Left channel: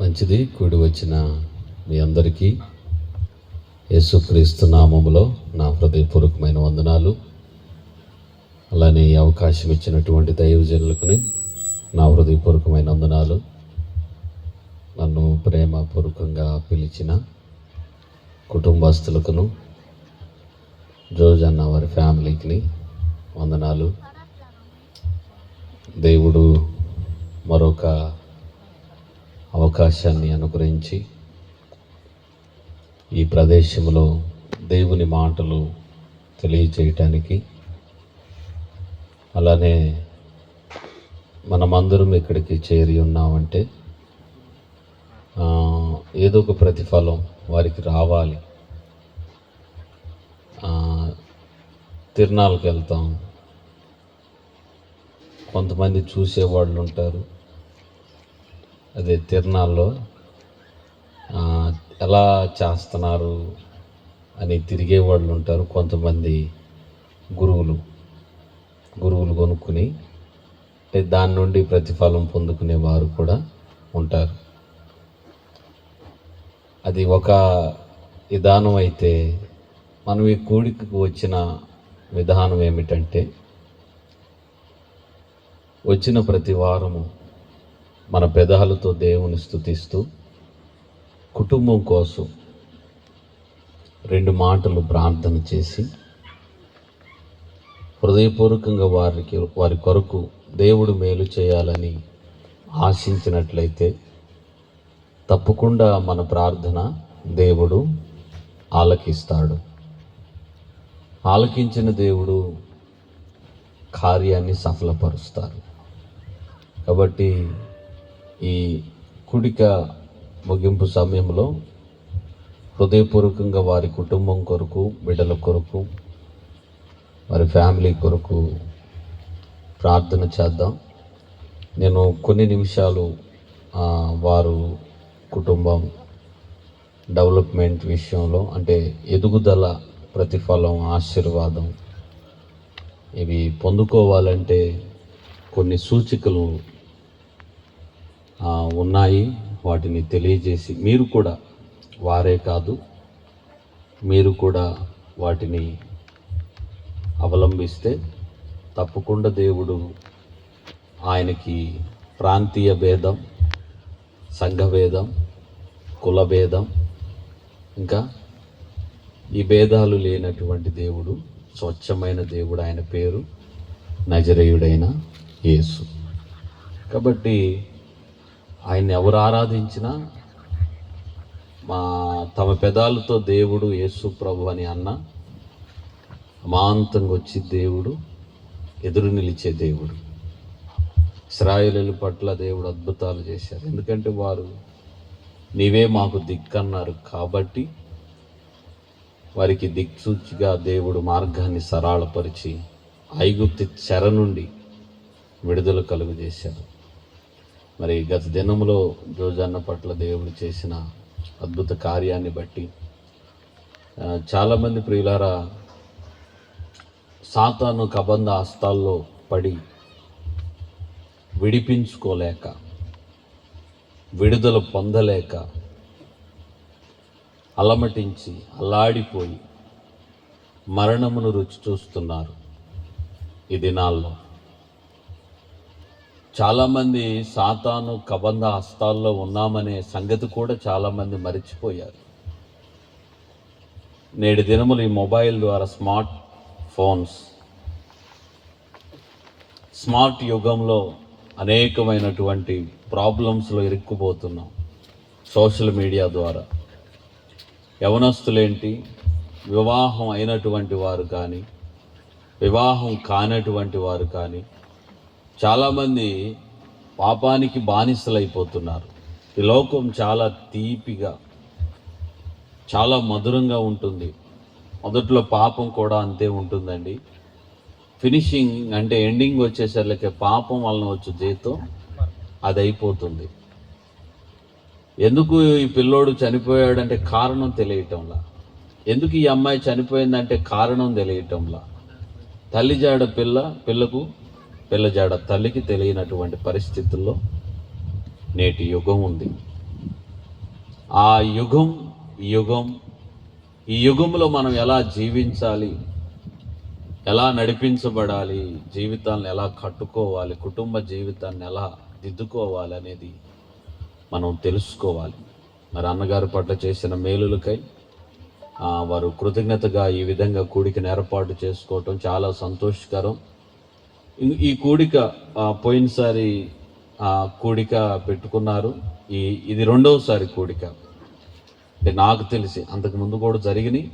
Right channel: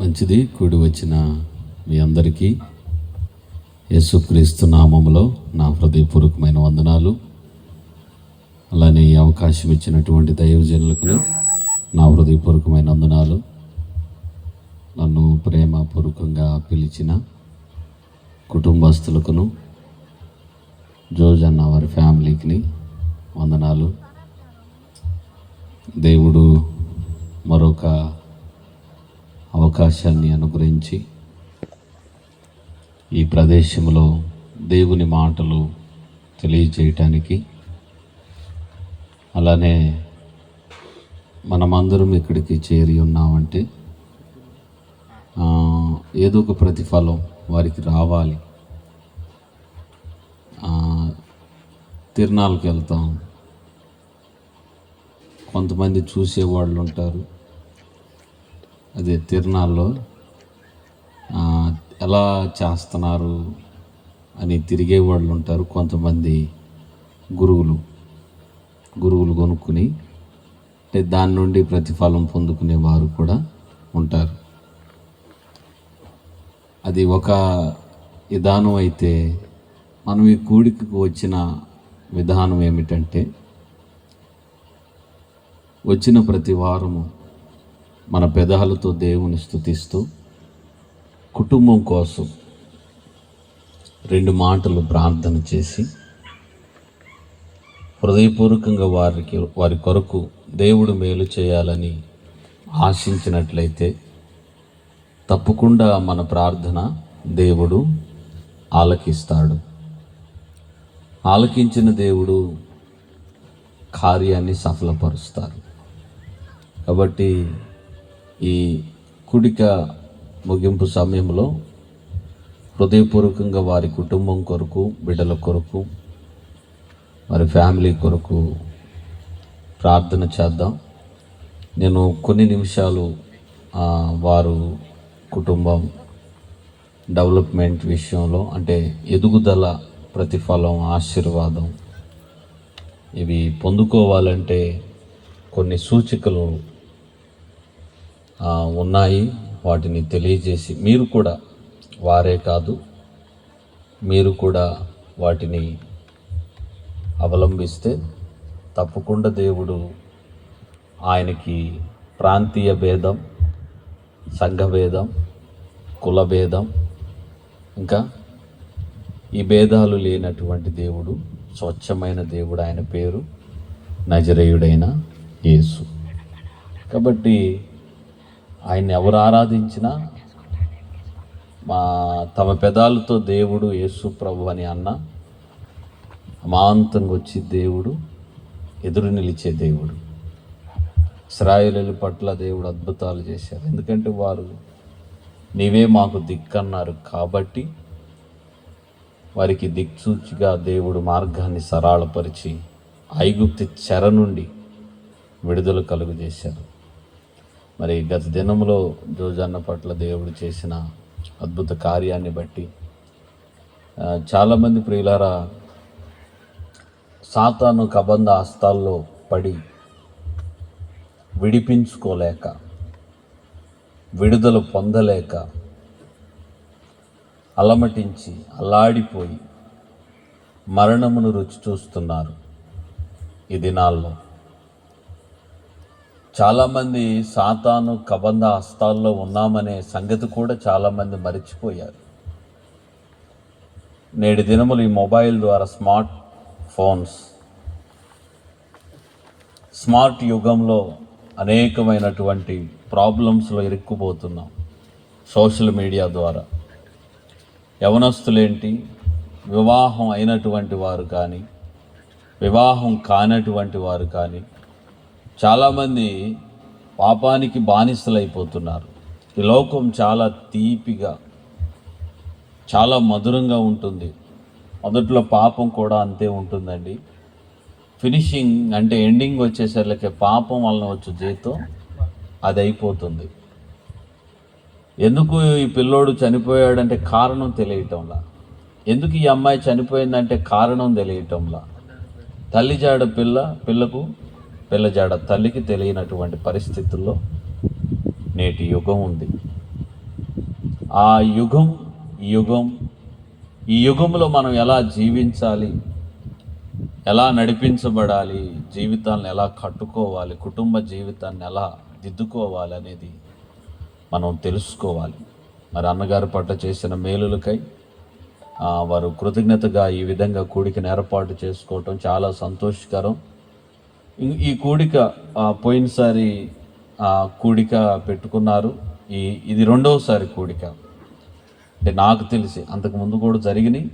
మంచిది. కూడి వచ్చిన మీ అందరికీ యేసుక్రీస్తు నామములో నా హృదయపూర్వకమైన వందనాలు. అలానే ఈ అవకాశం ఇచ్చినటువంటి దైవజనులకు నా హృదయపూర్వకమైన వందనాలు. నన్ను ప్రేమపూర్వకంగా పిలిచిన కుటుంబస్తులకును, జోజన్న వారి ఫ్యామిలీకి వందనాలు. దేవుడు మరొక అవకాశాన్ని అనుగ్రహించి ఈ ప్రదేశంలో దేవుని మాటలు తెలియజేయటానికి, అలానే మనమందరం ఇక్కడికి చేరి ఉన్నామంటే ఏదో ఒక ప్రతిఫలం వారికి రావాలి. తిరునాళ్ళకి వెళ్తాం, కొంతమంది చూసేవాళ్ళు ఉంటారు. అదే తిరునాళ్ళలో ఎలా చేస్తున్నారు అని తిరిగే వాళ్ళు ఉంటారు. కొంతమంది గురువులు కొనుక్కుని దాని నుండి ప్రతిఫలం పొందుకునే వారు కూడా ఉంటారు. అది ఒక విధానం అయితే, మనం ఈ కూడికి వచ్చిన విధానం ఏమిటంటే, వచ్చిన ప్రతి వారము మన పెదాలతో దేవుని స్తుతిస్తూ కుటుంబం కోసం 2 మాటలు ప్రార్థన చేసి హృదయపూర్వకంగా వారి కొరకు దేవుడు మేలు చేయాలని ఆశించినట్లయితే తప్పకుండా మన ప్రార్థన దేవుడు ఆలకిస్తాడు. ఆలకించిన దేవుడు కార్యాన్ని సఫలపరుస్తారు. కాబట్టి ఈ కూడిక ముగింపు సమయంలో హృదయపూర్వకంగా వారి కుటుంబం కొరకు, బిడ్డల కొరకు, వారి ఫ్యామిలీ కొరకు ప్రార్థన చేద్దాం. నేను కొన్ని నిమిషాలు వారు కుటుంబం డెవలప్మెంట్ విషయంలో, అంటే ఎదుగుదల, ప్రతిఫలం, ఆశీర్వాదం ఇవి పొందుకోవాలంటే కొన్ని సూచికలు ఉన్నాయి. వాటిని తెలియజేసి మీరు కూడా, వారే కాదు మీరు కూడా వాటిని అవలంబిస్తే తప్పకుండా దేవుడు ఆయనకి ప్రాంతీయ భేదం, సంఘ భేదం, కుల భేదం, ఇంకా ఈ భేదాలు లేనటువంటి దేవుడు, స్వచ్ఛమైన దేవుడు. ఆయన పేరు నజరేయుడైన యేసు. కాబట్టి ఆయన ఎవరు ఆరాధించినా తమ పెదాలతో దేవుడు యేసు ప్రభు అని అన్న అమాంతంగా వచ్చి దేవుడు ఎదురు నిలిచే దేవుడు. ఇశ్రాయేలీయుల పట్ల దేవుడు అద్భుతాలు చేశారు. ఎందుకంటే వారు నీవే మాకు దిక్కన్నారు కాబట్టి వారికి దిక్సూచిగా దేవుడు మార్గాన్ని సరళపరిచి ఐగుప్తు చెర నుండి విడుదల కలుగజేశారు. మరి గత దినంలో జోజన్న పట్ల దేవుడు చేసిన అద్భుత కార్యాన్ని బట్టి చాలామంది ప్రియులారా సాతాను కబంధ హస్తాల్లో పడి విడిపించుకోలేక, విడుదల పొందలేక అలమటించి అల్లాడిపోయి మరణమును రుచి చూస్తున్నారు. ఈ దినాల్లో చాలామంది సాతాను కబంధ హస్తాల్లో ఉన్నామనే సంగతి కూడా చాలామంది మరిచిపోయారు. నేటి దినములు ఈ మొబైల్ ద్వారా, స్మార్ట్ యుగంలో అనేకమైనటువంటి ప్రాబ్లమ్స్లో ఇరుక్కుపోతున్నాం. సోషల్ మీడియా ద్వారా యవనస్తులేంటి, వివాహం అయినటువంటి వారు కానీ, వివాహం కానటువంటి వారు కానీ చాలామంది పాపానికి బానిసలైపోతున్నారు. ఈ లోకం చాలా తీపిగా, చాలా మధురంగా ఉంటుంది. మొదట్లో పాపం కూడా అంతే ఉంటుందండి. ఫినిషింగ్ అంటే ఎండింగ్ వచ్చేసరికి పాపం వలన వచ్చే జీతం అది అయిపోతుంది. ఎందుకు ఈ పిల్లోడు చనిపోయాడంటే కారణం తెలియటంలా, ఎందుకు ఈ అమ్మాయి చనిపోయిందంటే కారణం తెలియటంలా, తల్లి జాడ పిల్లకు, పిల్ల జాడ తల్లికి తెలియనటువంటి పరిస్థితుల్లో నేటి యుగం ఉంది. ఆ యుగం ఈ యుగంలో మనం ఎలా జీవించాలి, ఎలా నడిపించబడాలి, జీవితాన్ని ఎలా కట్టుకోవాలి, కుటుంబ జీవితాన్ని ఎలా దిద్దుకోవాలి అనేది మనం తెలుసుకోవాలి. మరి అన్నగారి పట్ల చేసిన మేలులకై వారు కృతజ్ఞతగా ఈ విధంగా కూడికను ఏర్పాటు చేసుకోవటం చాలా సంతోషకరం. ఈ కూడిక పోయినసారి కూడిక పెట్టుకున్నారు. ఇది రెండవసారి కూడిక. అంటే నాకు తెలిసి అంతకుముందు కూడా జరిగినాయి.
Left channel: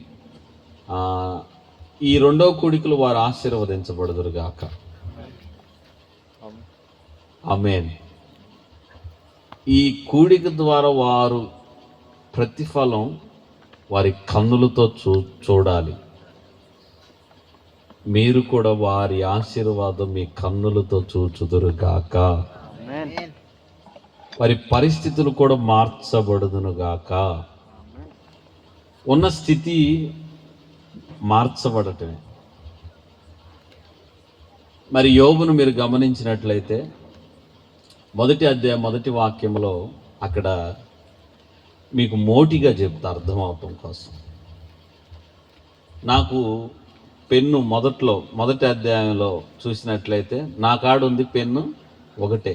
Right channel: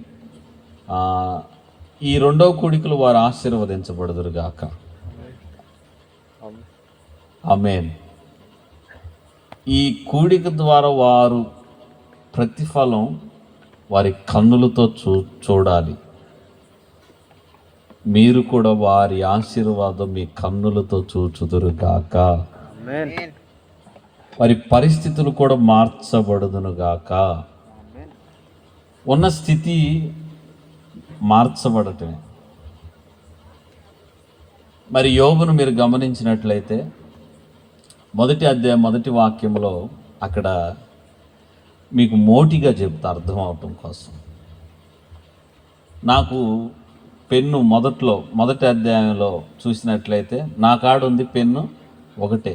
ఈ రెండవ కూడికలు వారు ఆశీర్వదించబడుదురుగాక. ఆమేన్. ఈ కూడిక ద్వారా వారు ప్రతిఫలం వారి కన్నులతో చూడాలి. మీరు కూడా వారి ఆశీర్వాదం మీ కన్నులతో చూచుదురుగాక. వారి పరిస్థితులు కూడా మార్చబడుదునుగాక. ఉన్న స్థితి మార్చబడటమే. మరి యోబును మీరు గమనించినట్లయితే మొదటి అధ్యాయం మొదటి వాక్యంలో అక్కడ మీకు మోటిగా చెప్తా అర్థం అవటం కోసం. నాకు పెన్ను మొదటి అధ్యాయంలో చూసినట్లయితే నా కాడ ఉంది పెన్ను ఒకటే.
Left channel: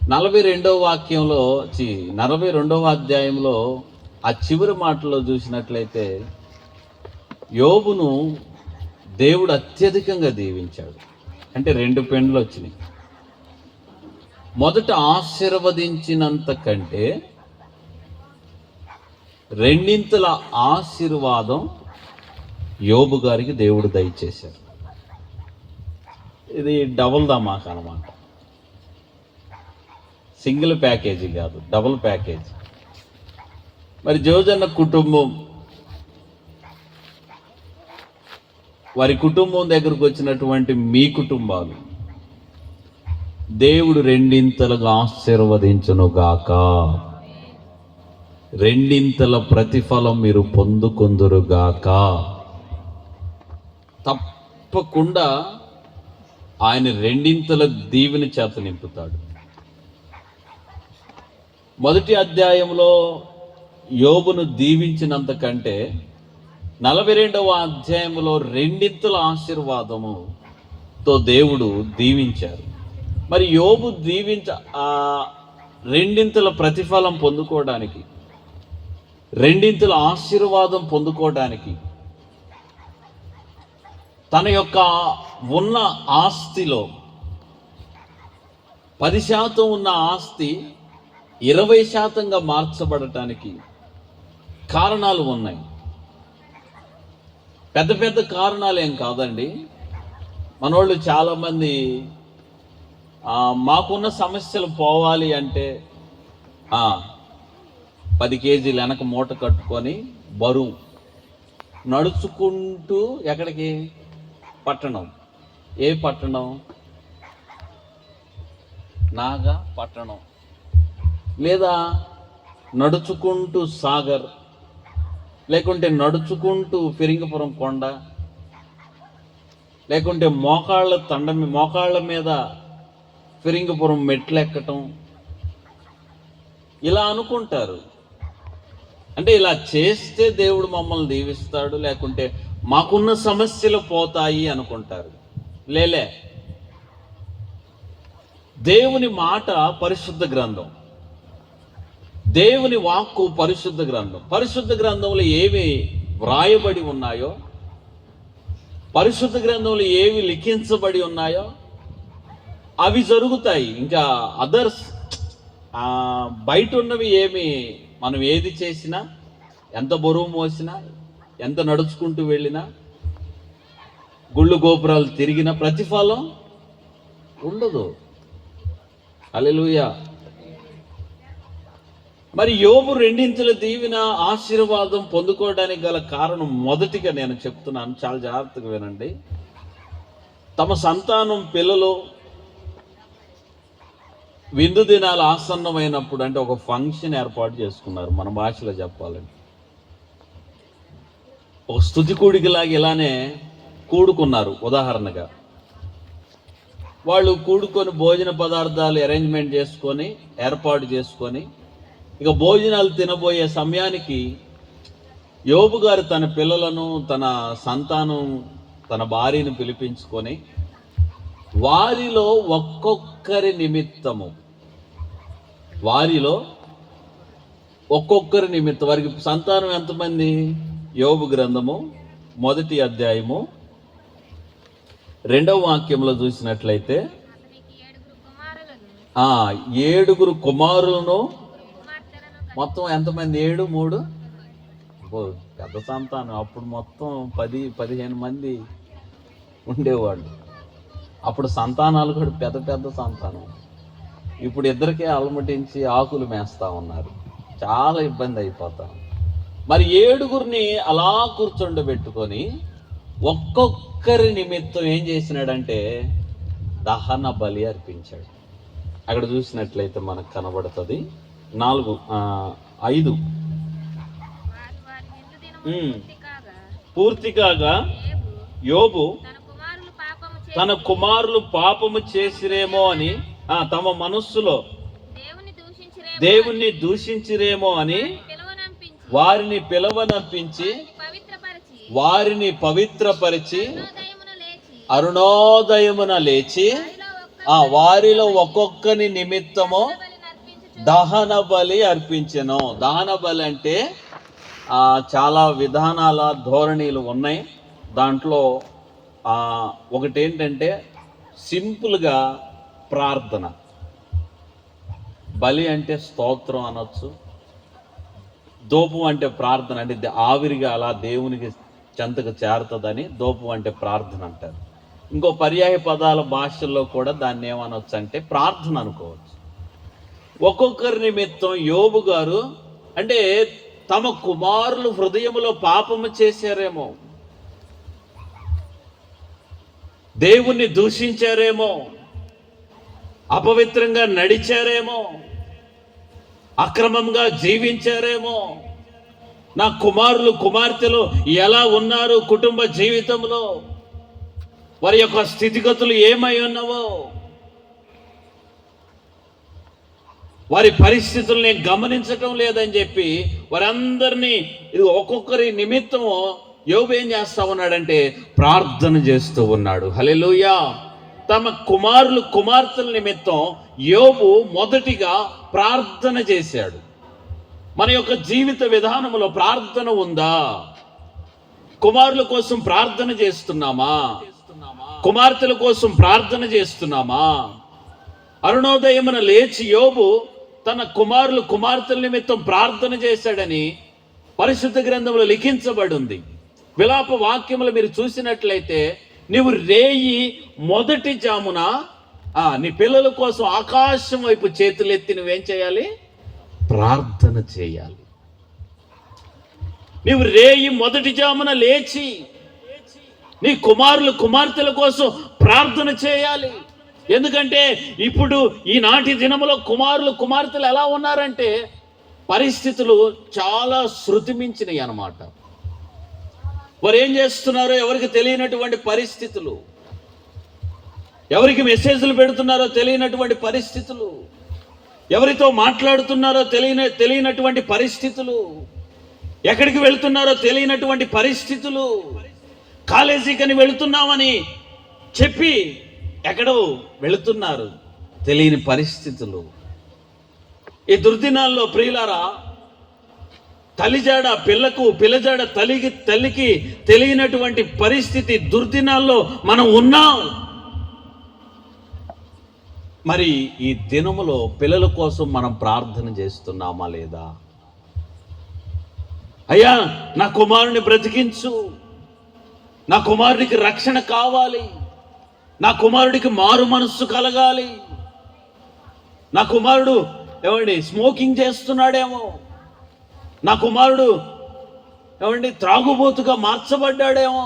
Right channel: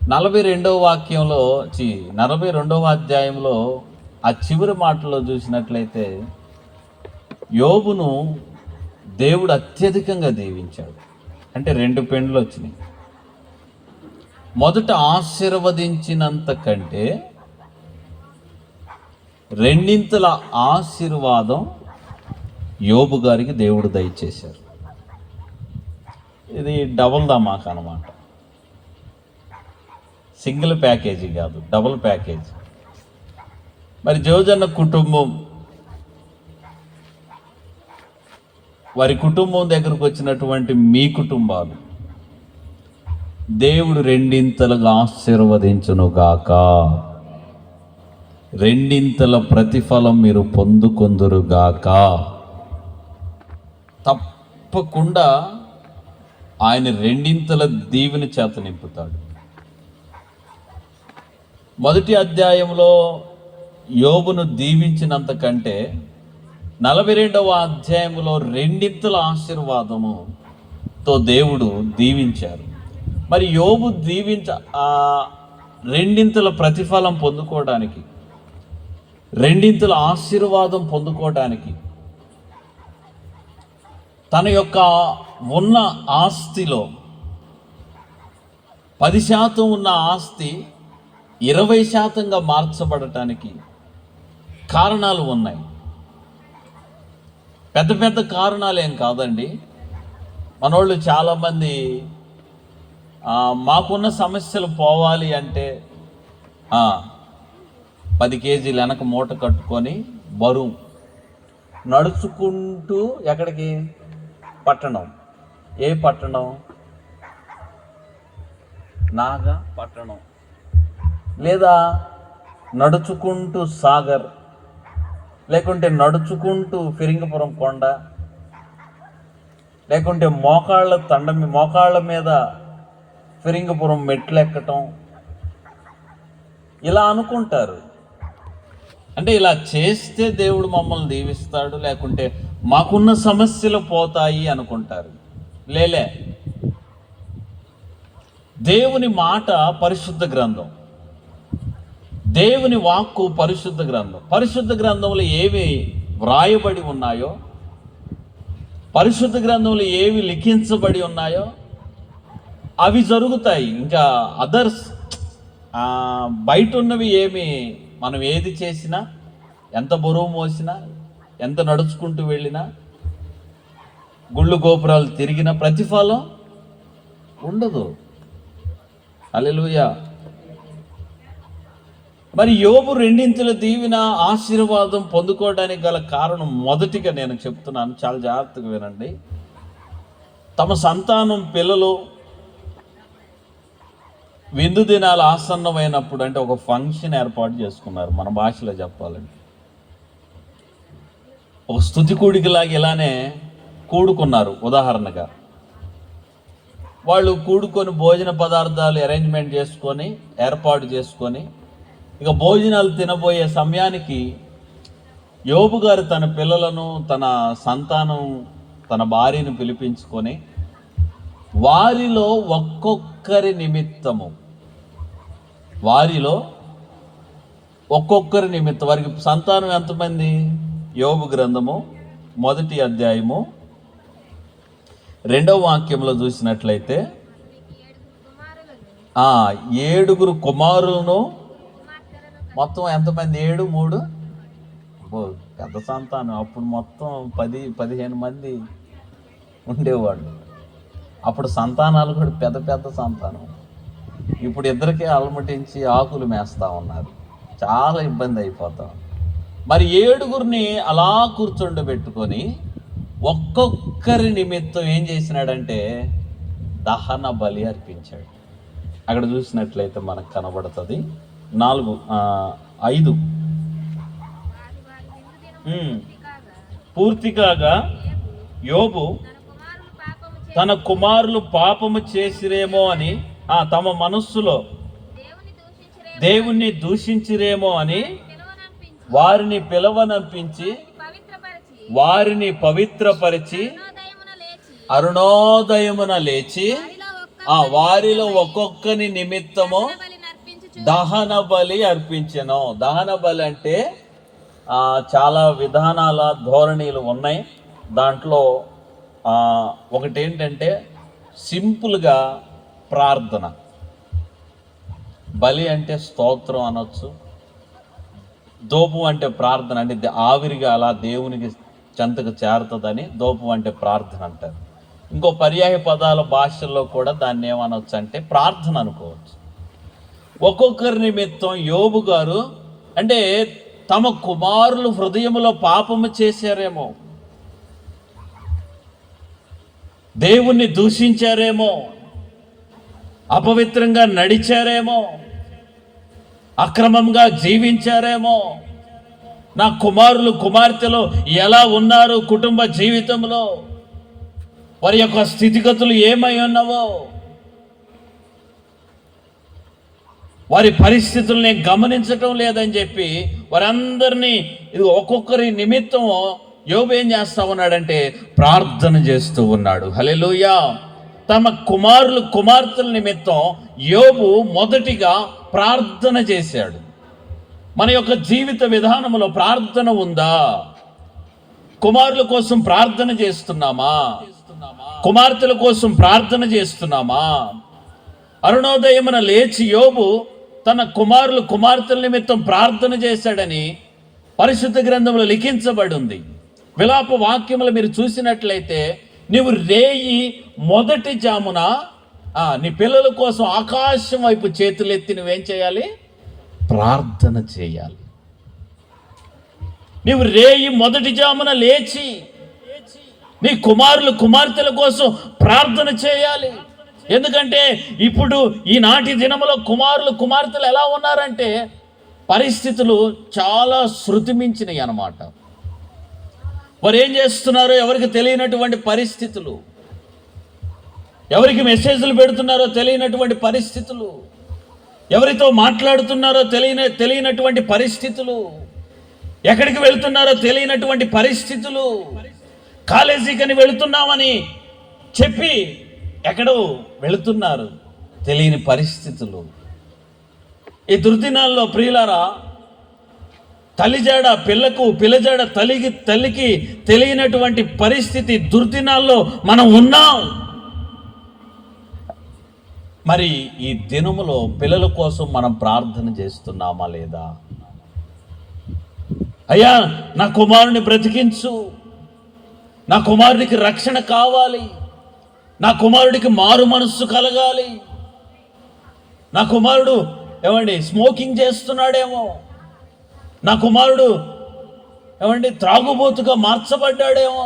42వ వాక్యంలో 42వ అధ్యాయంలో ఆ చివరి మాటలో చూసినట్లయితే యోబును దేవుడు అత్యధికంగా దీవించాడు. అంటే 2 పెన్నులు వచ్చినాయి. మొదట ఆశీర్వదించినంత కంటే 2 ఆశీర్వాదం యోబు గారికి దేవుడు దయచేశారు. ఇది డబుల్ ధమాకా అన్నమాట. సింగిల్ ప్యాకేజీ కాదు, డబుల్ ప్యాకేజీ. మరి జోజన్న కుటుంబం, వారి కుటుంబం దగ్గరకు వచ్చినటువంటి మీ కుటుంబాలు దేవుడు 2 ఆశీర్వదించునుగాక. 2 ప్రతిఫలం మీరు పొందుకొందురుగాక. తప్పకుండా ఆయన 2 దీవెన చేత నింపుతాడు. మొదటి అధ్యాయంలో యోబును దీవించినంత కంటే 42వ అధ్యాయంలో 2 ఆశీర్వాదముతో దేవుడు దీవించారు. మరి యోబు 2 ప్రతిఫలం పొందుకోవడానికి, 2 ఆశీర్వాదం పొందుకోవడానికి తన యొక్క ఉన్న ఆస్తిలో 10% ఉన్న ఆస్తి 20%గా మార్చబడటానికి కారణాలు ఉన్నాయి. పెద్ద పెద్ద కారణాలు ఏం కాదండి. మనోళ్ళు చాలామంది మాకున్న సమస్యలు పోవాలి అంటే 10 కేజీలు వెనక మూట కట్టుకొని బరువు నడుచుకుంటూ ఎక్కడికి? పట్టణం. ఏ పట్టణం? నాగా పట్టణం, లేదా నడుచుకుంటూ సాగర్, లేకుంటే నడుచుకుంటూ ఫిరింగపురం కొండ, లేకుంటే మోకాళ్ళ మీద ఫిరింగపురం మెట్లు ఎక్కటం, ఇలా అనుకుంటారు. అంటే ఇలా చేస్తే దేవుడు మమ్మల్ని దీవిస్తాడు, లేకుంటే మాకున్న సమస్యలు పోతాయి అనుకుంటారు. లేలే, దేవుని మాట పరిశుద్ధ గ్రంథం, దేవుని వాక్కు పరిశుద్ధ గ్రంథం. పరిశుద్ధ గ్రంథంలో ఏవి వ్రాయబడి ఉన్నాయో, పరిశుద్ధ గ్రంథంలో ఏవి లిఖించబడి ఉన్నాయో అవి జరుగుతాయి. ఇంకా అదర్స్ బయట ఉన్నవి ఏమి, మనం ఏది చేసినా, ఎంత బరువు మోసినా, ఎంత నడుచుకుంటూ వెళ్ళినా, గుళ్ళు గోపురాలు తిరిగిన ప్రతిఫలం ఉండదు. హల్లెలూయా. మరి యోబు 2 దీవెన ఆశీర్వాదం పొందుకోవడానికి గల కారణం మొదటిగా నేను చెప్తున్నాను, చాలా జాగ్రత్తగా వినండి. తమ సంతానం పిల్లలు విందు దినాలు ఆసన్నమైనప్పుడు, అంటే ఒక ఫంక్షన్ ఏర్పాటు చేసుకున్నారు. మన భాషలో చెప్పాలంటే ఒక స్తుతి కూడికలాగా ఇలానే కూడుకున్నారు. ఉదాహరణగా వాళ్ళు కూడుకొని భోజన పదార్థాలు అరేంజ్మెంట్ చేసుకొని, ఏర్పాటు చేసుకొని, ఇక భోజనాలు తినబోయే సమయానికి యోబు గారు తన పిల్లలను, తన సంతానం, తన భార్యను పిలిపించుకొని వారిలో ఒక్కొక్కరి నిమిత్తము వారికి సంతానం ఎంతమంది? యోబు గ్రంథము 1వ అధ్యాయము 2వ వాక్యంలో చూసినట్లయితే 7 కుమారులను, మొత్తం ఎంతమంది? 7, 3 పెద్ద సంతానం. అప్పుడు మొత్తం 10-15 మంది ఉండేవాళ్ళు. అప్పుడు సంతానాలు కూడా పెద్ద పెద్ద సంతానం. ఇప్పుడు ఇద్దరికే అలమటించి ఆకులు మేస్తా ఉన్నారు. చాలా ఇబ్బంది అయిపోతాం. మరి 7 అలా కూర్చోండబెట్టుకొని ఒక్కొక్కరి నిమిత్తం ఏం చేసినాడంటే దహన బలి అర్పించాడు. అక్కడ చూసినట్లయితే మనకు కనబడుతుంది 5 పూర్తి కాగా యోబు తన కుమారులు పాపము చేసిరేమో అని, తమ మనస్సులో దేవుణ్ణి దూషించిరేమో అని వారిని పిలవనంపించి వారిని పవిత్రపరిచి అరుణోదయమున లేచి వారిలో ఒక్కొక్కని నిమిత్తము దహన బలి అర్పించెను. దహన బలి అంటే చాలా విధానాల ధోరణిలు ఉన్నాయి. దాంట్లో ఒకటేంటంటే సింపుల్గా ప్రార్థన. బలి అంటే స్తోత్రం అనొచ్చు. దోపు అంటే ప్రార్థన, అంటే ఆవిరిగా అలా దేవునికి చెంతకు చేరుతుందని దోపు అంటే ప్రార్థన అంటారు. ఇంకో పర్యాయ పదాల భాషల్లో కూడా దాన్ని ఏమనొచ్చు అంటే ప్రార్థన అనుకోవచ్చు. ఒక్కొక్కరి నిమిత్తం యోబు గారు అంటే తమ కుమారులు హృదయములో పాపము చేశారేమో, దేవుణ్ణి దూషించారేమో, అపవిత్రంగా నడిచారేమో, అక్రమంగా జీవించారేమో, నా కుమారులు కుమార్తెలు ఎలా ఉన్నారు కుటుంబ జీవితంలో, వారి యొక్క స్థితిగతులు ఏమై ఉన్నావో, వారి పరిస్థితులు నేను గమనించటం లేదని చెప్పి వారందరినీ ఇది ఒక్కొక్కరి నిమిత్తం యోబు ఏం చేస్తూ ఉన్నాడంటే ప్రార్థన చేస్తూ ఉన్నాడు. హల్లెలూయా. తమ కుమారులు కుమార్తెల నిమిత్తం యోబు మొదటిగా ప్రార్థన చేశాడు. మన యొక్క జీవిత విధానంలో ప్రార్థన ఉందా? కుమారుల కోసం ప్రార్థన చేస్తున్నామా? కుమార్తెల కోసం ప్రార్థన చేస్తున్నామా? అరుణోదయమున లేచి యోబు తన కుమారులు కుమార్తెల నిమిత్తం ప్రార్థన చేశాడని పరిశుద్ధ గ్రంథంలో లిఖించబడి ఉంది. విలాప వాక్యములు మీరు చూసినట్లయితే నీవు రేయి మొదటి జామున నీ పిల్లల కోసం ఆకాశం వైపు చేతులెత్తి నువ్వేం చేయాలి? ప్రార్థన చేయాలి. నీవు రేయి మొదటి జామున లేచి నీ కుమారులు కుమార్తెల కోసం ప్రార్థన చేయాలి. ఎందుకంటే ఇప్పుడు ఈనాటి దినములో కుమారులు కుమార్తెలు ఎలా ఉన్నారంటే పరిస్థితులు చాలా శృతిమించినవి అన్నమాట. వారు ఏం చేస్తున్నారో ఎవరికి తెలియనటువంటి పరిస్థితులు, ఎవరికి మెసేజ్లు పెడుతున్నారో తెలియనటువంటి పరిస్థితులు, ఎవరితో మాట్లాడుతున్నారో తెలియనటువంటి పరిస్థితులు, ఎక్కడికి వెళ్తున్నారో తెలియనటువంటి పరిస్థితులు, కాలేజీకని వెళుతున్నామని చెప్పి ఎక్కడో వెళుతున్నారు, తెలియని పరిస్థితులు. ఈ దుర్దినాల్లో ప్రియులారా, తల్లిజాడ పిల్లకు, పిల్లజాడ తల్లికి తెలియనటువంటి పరిస్థితి దుర్దినాల్లో మనం ఉన్నాం. మరి ఈ దినములో పిల్లల కోసం మనం ప్రార్థన చేస్తున్నామా లేదా? అయ్యా నా కుమారుని బ్రతికించు, నా కుమారుడికి రక్షణ కావాలి, నా కుమారుడికి మారు మనస్సు కలగాలి, నా కుమారుడు స్మోకింగ్ చేస్తున్నాడేమో, నా కుమారుడు త్రాగుబోతుగా మార్చబడ్డాడేమో,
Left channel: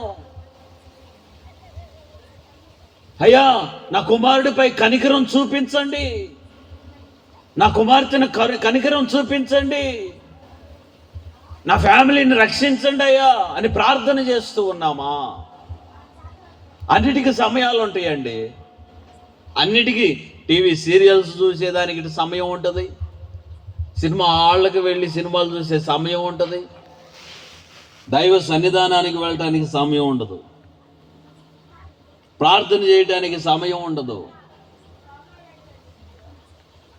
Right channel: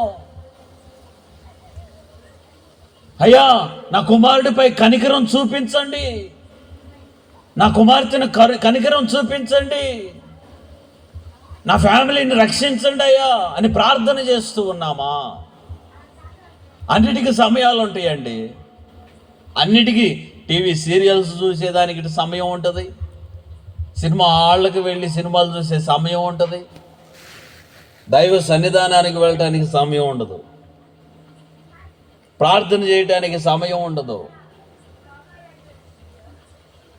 అయ్యా నా కుమారుడిపై కనికరం చూపించండి, నా కుమార్తెను కనికరం చూపించండి, నా ఫ్యామిలీని రక్షించండి అయ్యా అని ప్రార్థన చేస్తూ ఉన్నామా? అన్నిటికీ సమయాలు ఉంటాయండి. అన్నిటికీ టీవీ సీరియల్స్ చూసేదానికి సమయం ఉంటుంది, సినిమా హాళ్ళకి వెళ్ళి సినిమాలు చూసే సమయం ఉంటుంది, దైవ సన్నిధానానికి వెళ్ళటానికి సమయం ఉండదు, ప్రార్థన చేయడానికి సమయం ఉండదు.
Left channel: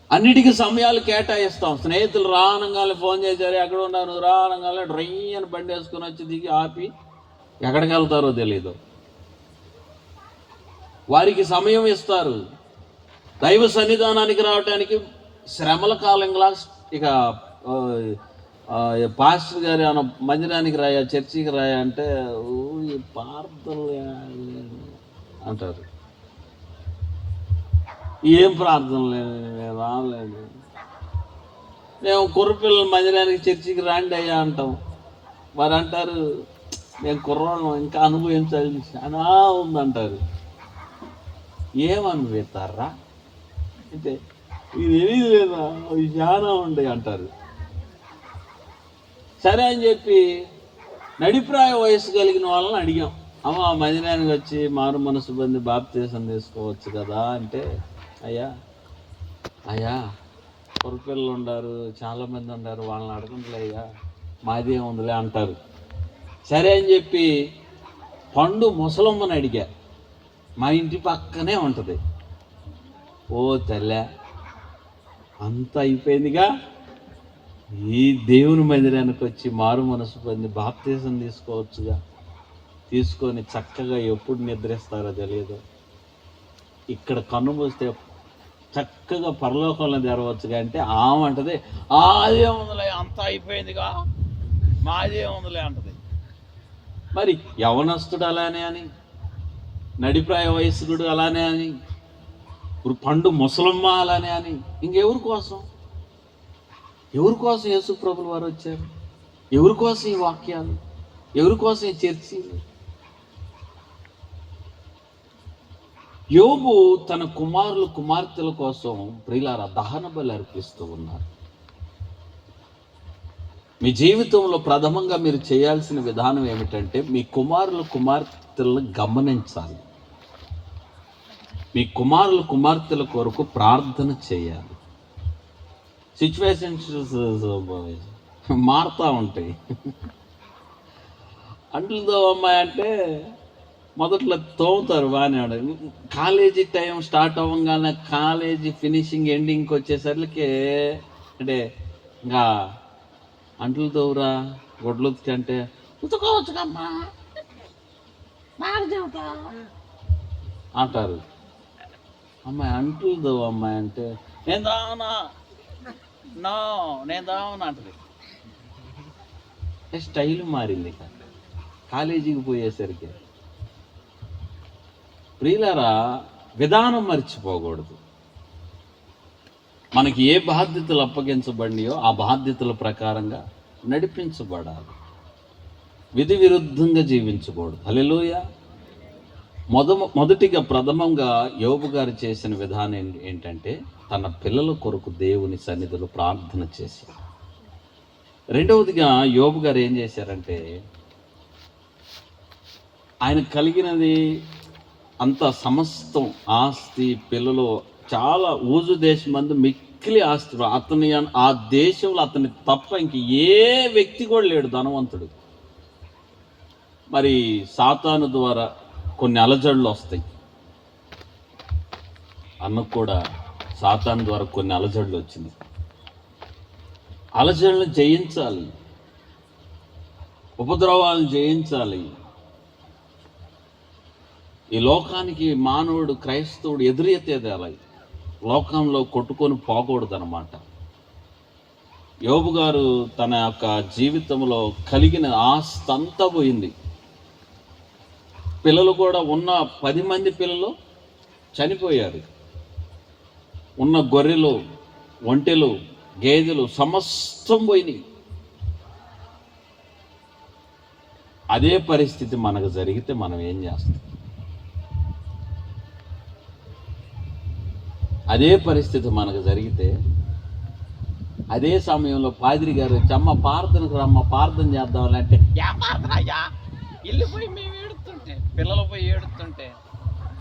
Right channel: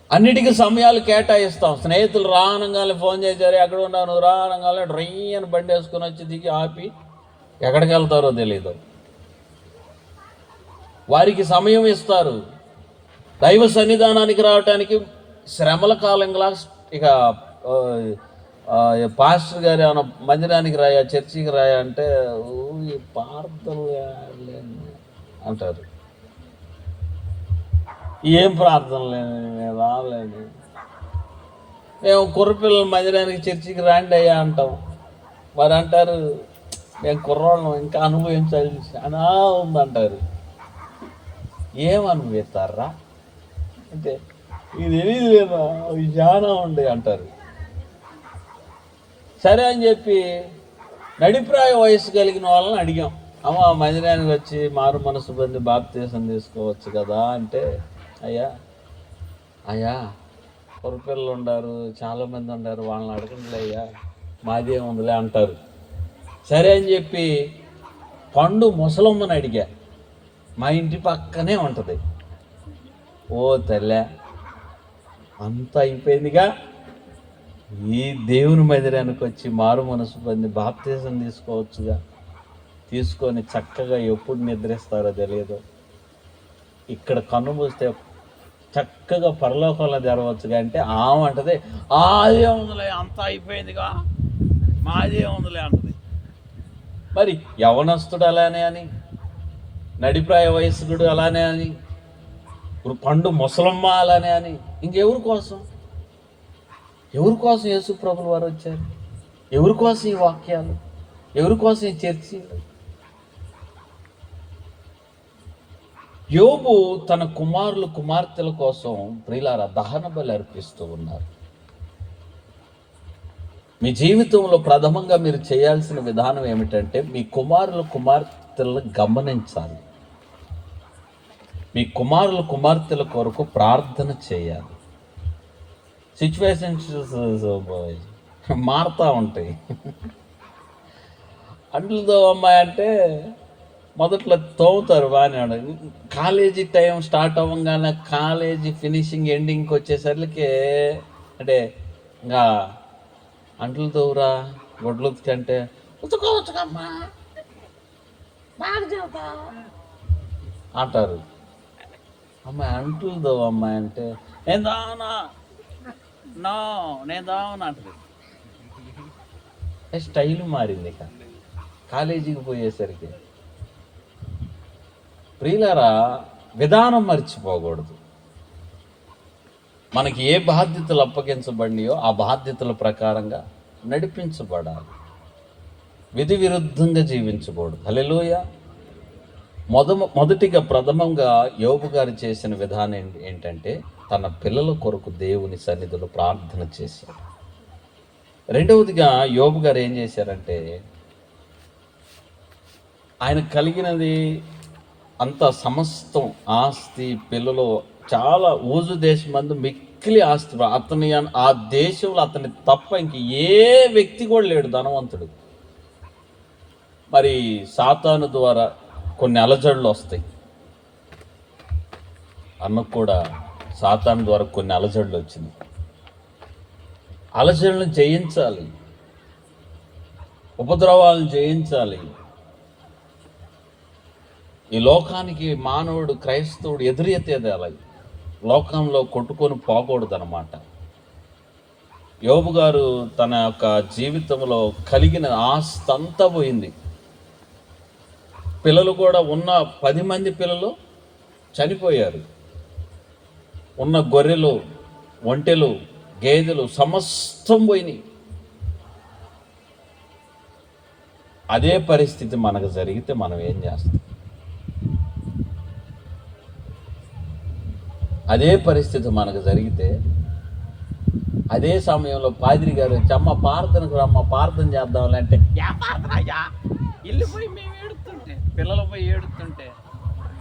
అన్నిటికీ సమయాలు కేటాయిస్తాం. స్నేహితులు రానంగానే ఫోన్ చేశారు, ఎక్కడ ఉన్నావు నువ్వు, రానంగానే డ్రై అని బండి వేసుకుని వచ్చి దిగి ఆపి ఎక్కడికి వెళ్తారో తెలీదు. వారికి సమయం ఇస్తారు. దైవ సన్నిధానానికి రావటానికి శ్రమల కాలంగా ఇక పాస్టర్ గారు ఏమైనా మందిరానికి రాయా, చర్చికి రాయా అంటే ఈ ప్రార్థనలు అంటారు. ఏం ప్రార్థనలు రాలేదు, మేము కుర్రపిల్లల మందిరానికి చర్చికి రాండి అయ్యా అంటాం. మరి అంటారు మేము కుర్రోళ్ళం ఇంకా అనుభవించాలి అనా ఉందంటారు. ఏమనుభవిస్తారా అంటే ఇది తెలియదు లేదా, అవి చాలా ఉండే అంటారు. సరే అని చెప్పి నడిప్రాయ వయసు కలిగిన వాళ్ళని అడిగాం, అమ్మ మందిరానికి వచ్చి మారు మనసు పొంది బాప్తీసం తీసుకోవచ్చు కదా అంటే, అయ్యా పొరపిల్లలు ఉండారు, చాలామంది ఉండారు, వాళ్ళని అడగండిలే అయ్యా, మాదే ఉందిలే అంటారు. సరే అని చెప్పి పండు ముసలమ్మని అడిగా, మా ఇంటి పక్కనే ఉంటుంది. ఓ తల్లే అంత అయిపోయిందిగా, ఈ దేవుని మందిరానికి వచ్చి మారు మనసు పొంది బాప్తీసం తీసుకోవచ్చుగా, తీసుకొని చక్కగా ఎప్పుడు నిద్రిస్తారో తెలియదు, ఇక్కడ కన్ను మూస్తే చక్కగా పరలోకంలో తెరవచ్చుగా అంటే ఆమె అంటది అదే ఉందిలే అంత అయిపోయిందిగా, మాదే ఉందిలే అంటది. మరి యవనస్తుడు అలానే అని, నడిప్రాయ వయస్కుడు అలానే అని, పండు ముసలమ్మ అలానే అని, ఇంకెవరి కోసం యేసు ప్రభులు వారు వచ్చారు? ఎవరి కోసం ఈ వాక్యాలు? ఎవరి కోసం ఈ చర్చలు? యోబు తన కుమారులు కుమార్తెల కోసం ప్రియులారా దహన బలి అర్పిస్తూ ఉన్నారు. మీ జీవితంలో ప్రథమంగా మీరు చేయాల్సిన విధానం ఏమిటంటే మీ కుమారుల కుమార్తెలను గమనించాలి. మీ కుమారుల కుమార్తెల కొరకు ప్రార్థన చేయాలి. సిచ్యువేషన్స్ మారుతూ ఉంటాయి. అంట్లతో అమ్మాయి అంటే మొదట్లో తోముతారు బాగానే, కాలేజీ టైం స్టార్ట్ అవ్వగానే కాలేజీ ఫినిషింగ్ ఎండింగ్కి వచ్చేసరికి అంటే ఇంకా అంట్లు తోవురా గొడ్లు అంటే ఉతుకోవచ్చుకమ్మా బాగా చెబుతా అంటారు. అమ్మాయి అంట్లు తోవు అమ్మాయి అంటే నేను దావనా అంటది. స్టైల్ మారింది ఇక కాలేజీకి పోయేసరికి. ప్రియులారా విధానం మర్చిపోకూడదు. మనకి ఏ బాధ్యతలు అప్పగించబడినాయో ఆ బాధ్యతల ప్రకారంగా నడిపించబడాలి. విధి విరుద్ధంగా జీవించకూడదు. హల్లెలూయా. మొదటిగా ప్రథమంగా యోబు గారు చేసిన విధానం ఏంటంటే తన పిల్లల కొరకు దేవుని సన్నిధిలో ప్రార్థన చేశారు. రెండవదిగా యోబు గారు ఏం చేశారంటే ఆయన కలిగినది అంత సమస్తం ఆస్తి, పిల్లలు, చాలా ఊజు దేశం మందు మిక్కిలి ఆస్తి, అతని ఆ దేశంలో అతని తప్ప ఇంక ఏ వ్యక్తి కూడా లేడు ధనవంతుడు. మరి సాతాను ద్వారా కొన్ని అలజడులు వస్తాయి. అన్నకు కూడా సాతాను ద్వారా కొన్ని అలజడులు వచ్చింది. అలజడులను జయించాలి, ఉపద్రవాలను జయించాలి. ఈ లోకానికి మానవుడు క్రైస్తవుడు ఎదురెత్తేది అలా, లోకంలో కొట్టుకొని పోకూడదు అన్నమాట. యోబు గారు తన యొక్క జీవితంలో కలిగిన ఆస్తి అంతా పోయింది. పిల్లలు కూడా ఉన్న 10 మంది పిల్లలు చనిపోయారు. ఉన్న గొర్రెలు, ఒంటెలు, గేదెలు సమస్తం పోయినాయి. అదే పరిస్థితి మనకు జరిగితే మనం ఏం చేస్తాం? అదే పరిస్థితి మనకు జరిగితే అదే సమయంలో పాదిరి గారు చమ్మ ప్రార్థనకు రమ్మ ప్రార్థన చేద్దామంటే ప్రార్థన ఇల్లు పోయి మేము ఏడుతుంటే, పిల్లలు పోయి ఏడుతుంటే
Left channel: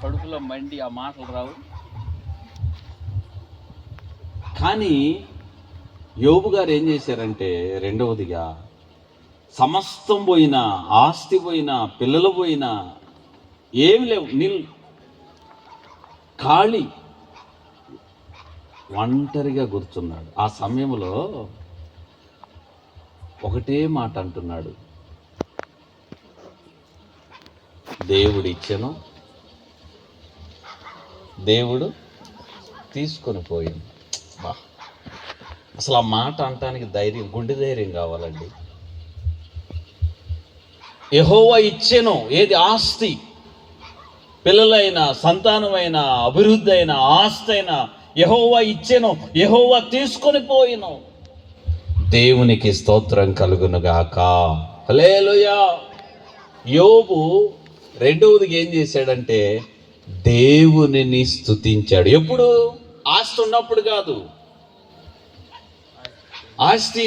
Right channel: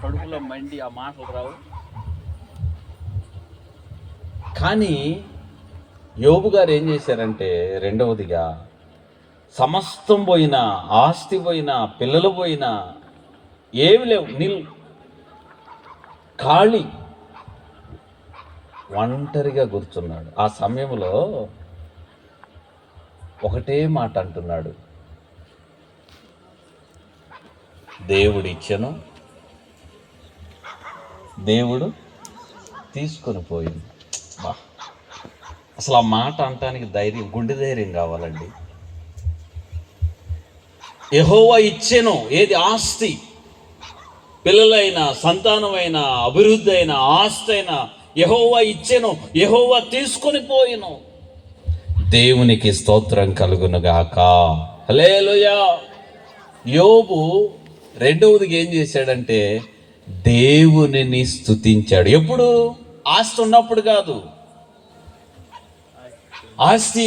కడుపులో మండి ఆ మాటలు రావు. కానీ యోబు గారు ఏం చేశారంటే, రెండవదిగా సమస్తం పోయినా, ఆస్తి పోయినా, పిల్లలు పోయినా, ఏమి లేవు, ఖాళీ, ఒంటరిగా కూర్చున్నాడు. ఆ సమయంలో ఒకటే మాట అంటున్నాడు, దేవుడు ఇచ్చెను, దేవుడు తీసుకొని పోయింది. అసలు ఆ మాట అనటానికి ధైర్యం, గుండె ధైర్యం కావాలండి. యెహోవా ఇచ్చెను, ఏది? ఆస్తి, పిల్లలైనా, సంతానమైన, అభివృద్ధి అయినా, ఆస్తి అయినా యెహోవా ఇచ్చెను, యెహోవా తీసుకొని పోయిను. దేవునికి స్తోత్రం కలుగునుగాక. హల్లెలూయా. యోబు రెండవదిగా ఏం చేశాడంటే, దేవునిని స్తుతించాడు. ఎప్పుడు? ఆస్తి ఉన్నప్పుడు కాదు, ఆస్తి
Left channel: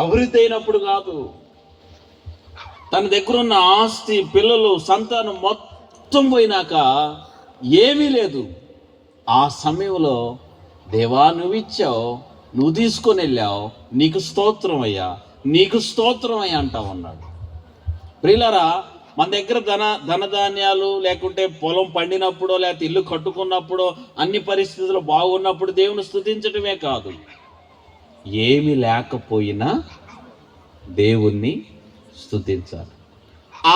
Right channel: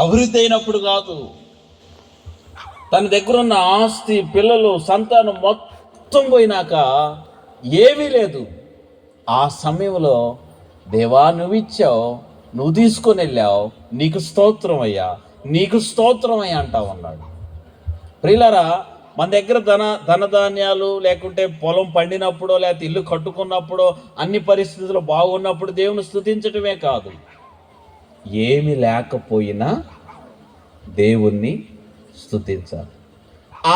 అభివృద్ధి అయినప్పుడు కాదు. తన దగ్గర ఉన్న ఆస్తి, పిల్లలు, సంతానం మొత్తం పోయినాక ఏమీ లేదు. ఆ సమయంలో, దేవా నువ్వు ఇచ్చావు, నువ్వు తీసుకొని వెళ్ళావు, నీకు స్తోత్రం అయ్యా, నీకు స్తోత్రం అయ్యా అంటా ఉన్నాడు. ప్రియులారా, మన దగ్గర ధనధాన్యాలు లేకుంటే పొలం పండినప్పుడో, లేకపోతే ఇల్లు కట్టుకున్నప్పుడో, అన్ని పరిస్థితులు బాగున్నప్పుడు దేవుని స్తుతించటమే కాదు, ఏమి లేకపోయినా దేవుణ్ణి స్తుతించాలి.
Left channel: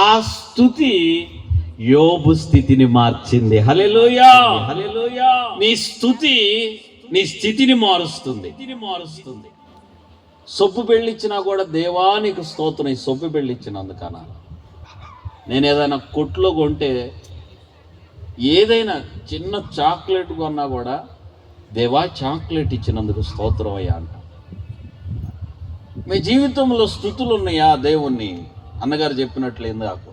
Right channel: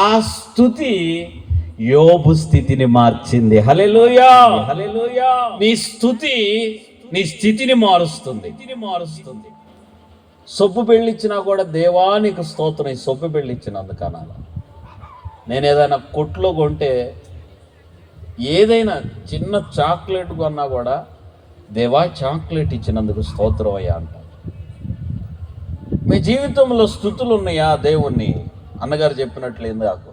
ఆ స్తుతి యోబు స్థితిని మార్చింది. హల్లెలూయా, హల్లెలూయా. నీ స్తుతి నీ స్థితిని మారుస్తుంది. సొప్పు బెళ్ళిచ్చినా కూడా, దేవా నీకు స్తోత్రం, సొప్పు బెళ్ళిచ్చినందుకన్నా. నేను ఏదైనా కొట్లో కొంటే, ఏదైనా చిన్న చాక్లెట్ కొన్నా కూడా, దేవా చాక్లెట్ ఇచ్చినందుకు స్తోత్రం అయ్యా అంట. మీ జీవితంలో స్తుతులు ఉన్నాయా దేవుణ్ణి? అన్నగారు చెప్పినట్లేదు నాకు,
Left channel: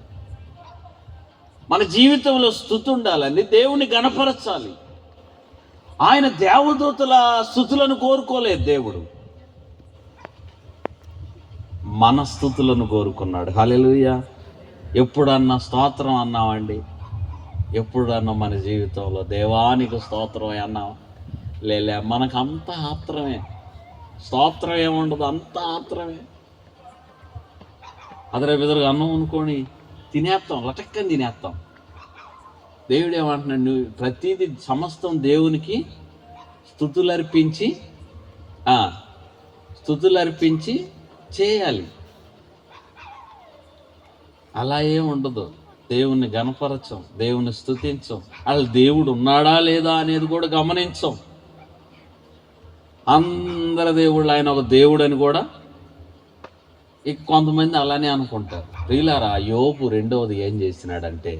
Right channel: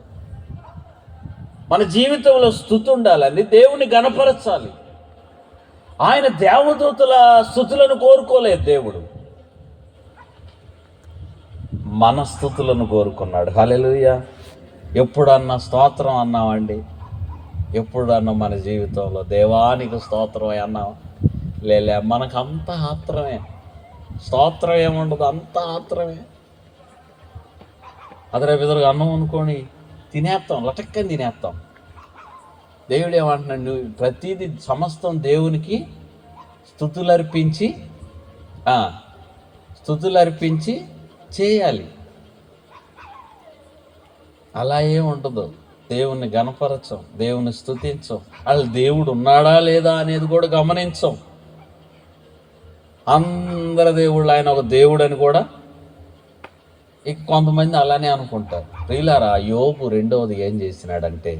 మన జీవితంలో స్తుతి ఉండాలని, దేవుని గణపరచాలి. ఆయన దేవదూతల స్తుతులను కోరుకోలేదు దేవుడు, మన స్తుతులను కోరుకున్నాడు. హల్లెలూయా. ఎప్పుడన్నా స్తోత్రం అన్నామండి? ఎప్పుడన్నా మన జీవితంలో దేవానికి స్తోత్రం అన్నాం? లేలే, మనకంతా ఆత్రమే. స్తోత్రం ఏముండదు, అంతా ఆత్రమే. అదరే బెదరుగా అన్నం అనుకొని తినేస్తాం, లటక్కని తినేస్తాం. దేవుడు ఏమంటున్నాడు? నువ్వు ప్రతిదీ సమస్తం దేవునికి స్తుతులర్పించి చేయాలి. అలా ఏం ఉండదు. దేవుణ్ణి గణపరచం, దేవుని స్తుతించం, అసలు దేవుడు ఉన్నాడా లేదా అనేది కూడా గమనించం. అందరి దేవుళ్ళు ఆయన ఒక దేవుడు అని కూడా ఇక కొంతమంది అలానే అనుకుంటారు. ప్రియులారా, యోబు రెండవది ఏం చేసినాడంటే,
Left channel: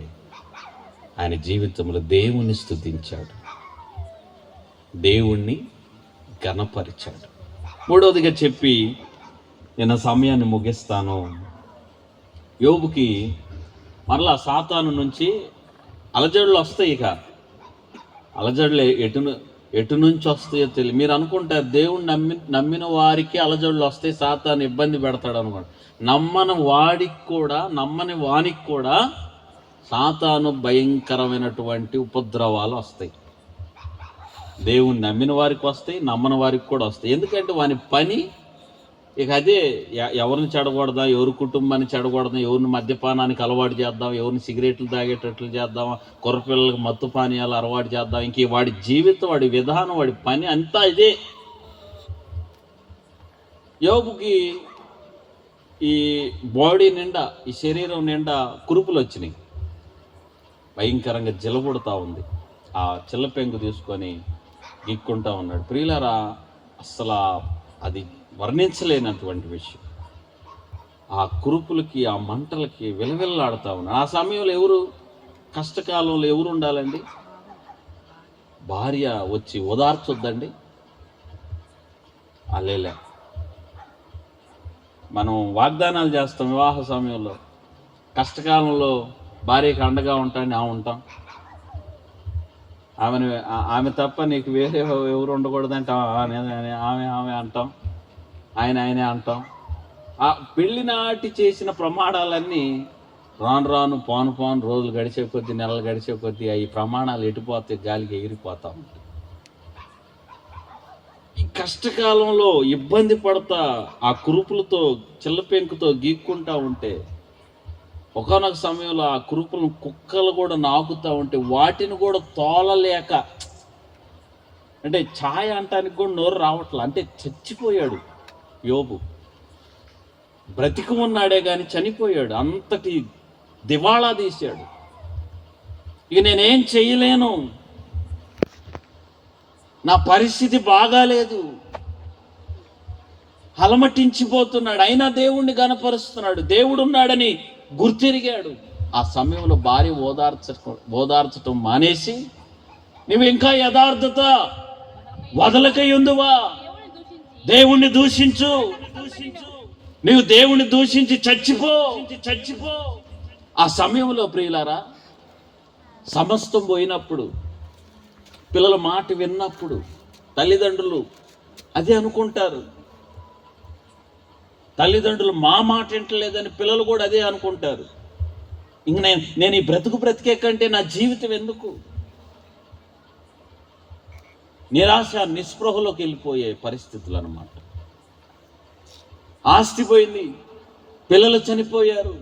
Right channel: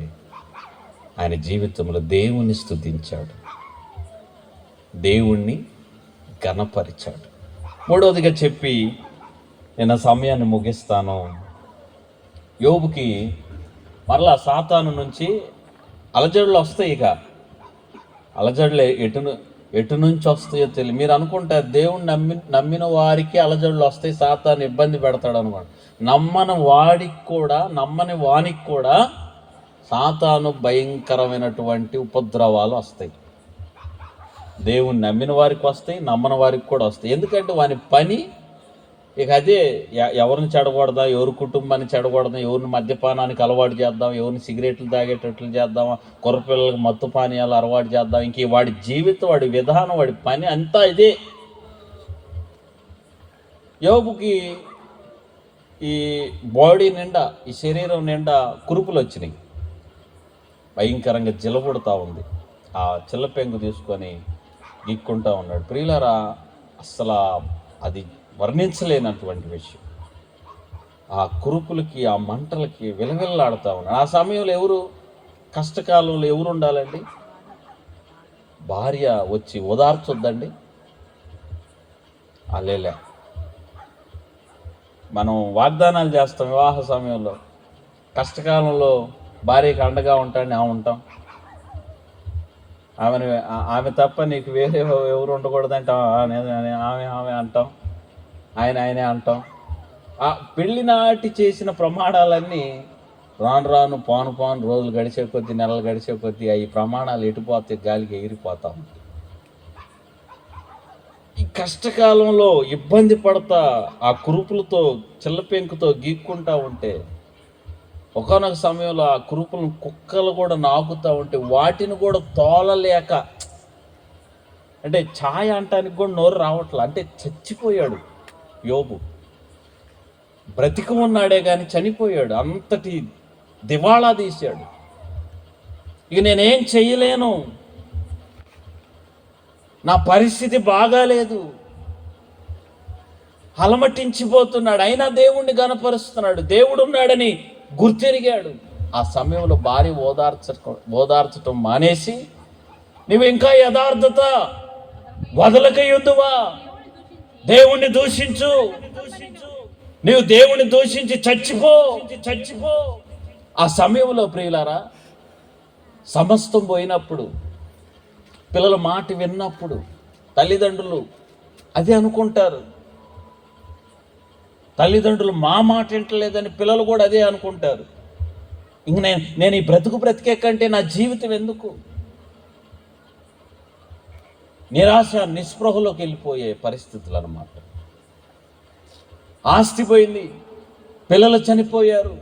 ఆయన జీవితంలో దేవుణ్ణి స్తుతించాడు, దేవుణ్ణి ఘనపరిచాడు. మూడవదిగా చెప్పి నేను సమయాన్ని ముగిస్తాను. యోబుకి మరలా సాతాను నుంచి అలజడులు వస్తాయి. ఇక అలజడులు ఎటు నుంచి వస్తాయో తెలియదు. మీరు అనుకుంటారు దేవుణ్ణి నమ్మిన వారికి అలజడులు వస్తాయి, సాతాను ఇబ్బంది పెడతాడు అనుకోండి. నమ్మని వానికి కూడా సాతాను భయంకరమైనటువంటి ఉపద్రవాలు వస్తాయి. దేవుణ్ణి నమ్మిన వారికి వస్తాయి, నమ్మని వారికి కూడా వస్తాయి. ఎందుకంటే వాని పని ఇక అదే. ఎవరిని చెడగొడదాం, ఎవరి కుటుంబాన్ని చెడగొడదాం, ఎవరిని మద్యపానానికి అలవాటు చేద్దాం, ఎవరిని సిగరెట్లు తాగేటట్లు చేద్దాం, కుర్రపిల్లలకు మత్తు పానీయాలు అలవాటు చేద్దాం. ఇంక వాడి జీవితం, వాడి విధానం, వాడి పని అంతా ఇదే. యోబుకి ఈ బాడీ నిండా, ఈ శరీరం నిండా కురుపులు వచ్చినాయి, భయంకరంగా జిలబుడతా ఉంది. ఆ చిల్లపెంగు తీసుకొని గిక్కుంటా ఉన్నాడు. ప్రియులారా, అసలు అది వర్ణించలేనటువంటి విషయం. ఆ కురుపులకి, ఆ మంటలకి విలవిల్లాడుతూ ఉన్నాడు. ఆ సమయంలో కష్టకాలంలో ఎవరు ఉండాలండి? భార్య వచ్చి ఓదార్చొద్దండి? అలేలే. మనం వాగ్దానాలు చేస్తాం వివాహ సమయంలో, కష్టకాలంలో భార్యకి అండగా ఉంటాడని ఉంటాం. ఆమె తప్ప నీకు వేరే ఎవరు ఉండకూడదంటాం. ఆమె అంటాం, ఆయనే అంటాం. ఆ పెళ్లి నాటి చేసిన ప్రమాణాలన్నీ రాను పాను రోజులు గడిచే కొద్దీ, నెలలు గడిచే కొద్దీ ఈ ప్రమాణాలు ఎటుపోతే గాలికి ఎగిరిపోతా ఉంటాయి. కష్టకాలంలో ఇబ్బంది పడతా ఆ కురుపులతో చిల్లపెంకుతో గీక్కుంటా ఉంటే ఒకానొక సమయంలో ఆ కురుపులను కుక్కలు కూడా నాకుతూ ఉంటే వాటిని కూడా తోలలేక, అంటే ఛాయ అంటానికి కూడా నోరు రావట్లా, అంటే చచ్చిపోయాడు యోబు. బ్రతికి ఉన్నాడే కానీ చనిపోయాడు, అంతటి దివాళా తీశాడు. ఇక నేనేం చెయ్యలేను, నా పరిస్థితి బాగాలేదు, అలమటించిపోతున్నాడు. అయినా దేవుణ్ణి గనపరుస్తున్నాడు, దేవుడు ఉన్నాడని గుర్తెరిగాడు. ఆ సమయంలో భార్య ఓదార్చటం మానేసి, నువ్వు ఇంకా యథార్థత వదలకయుందువా, దేవుణ్ణి దూషించు, నువ్వు దేవుణ్ణి దూషించి చచ్చిపో. ఆ సమయంలో ప్రియులారా, సమస్తం పోయినప్పుడు, పిల్లల మాట విన్నప్పుడు తల్లిదండ్రులు అదే అనుకుంటారు. తల్లిదండ్రులు మా మాట వింటలేదని పిల్లలు కూడా అదే అనుకుంటారు. ఇంక నేను ఈ బ్రతికే కంటే నా జీవితం ఎందుకు? నిరాశ నిస్పృహలోకి వెళ్ళిపోయే పరిస్థితులు అన్నమాట. ఆస్తి పోయింది, పిల్లలు చనిపోయారు,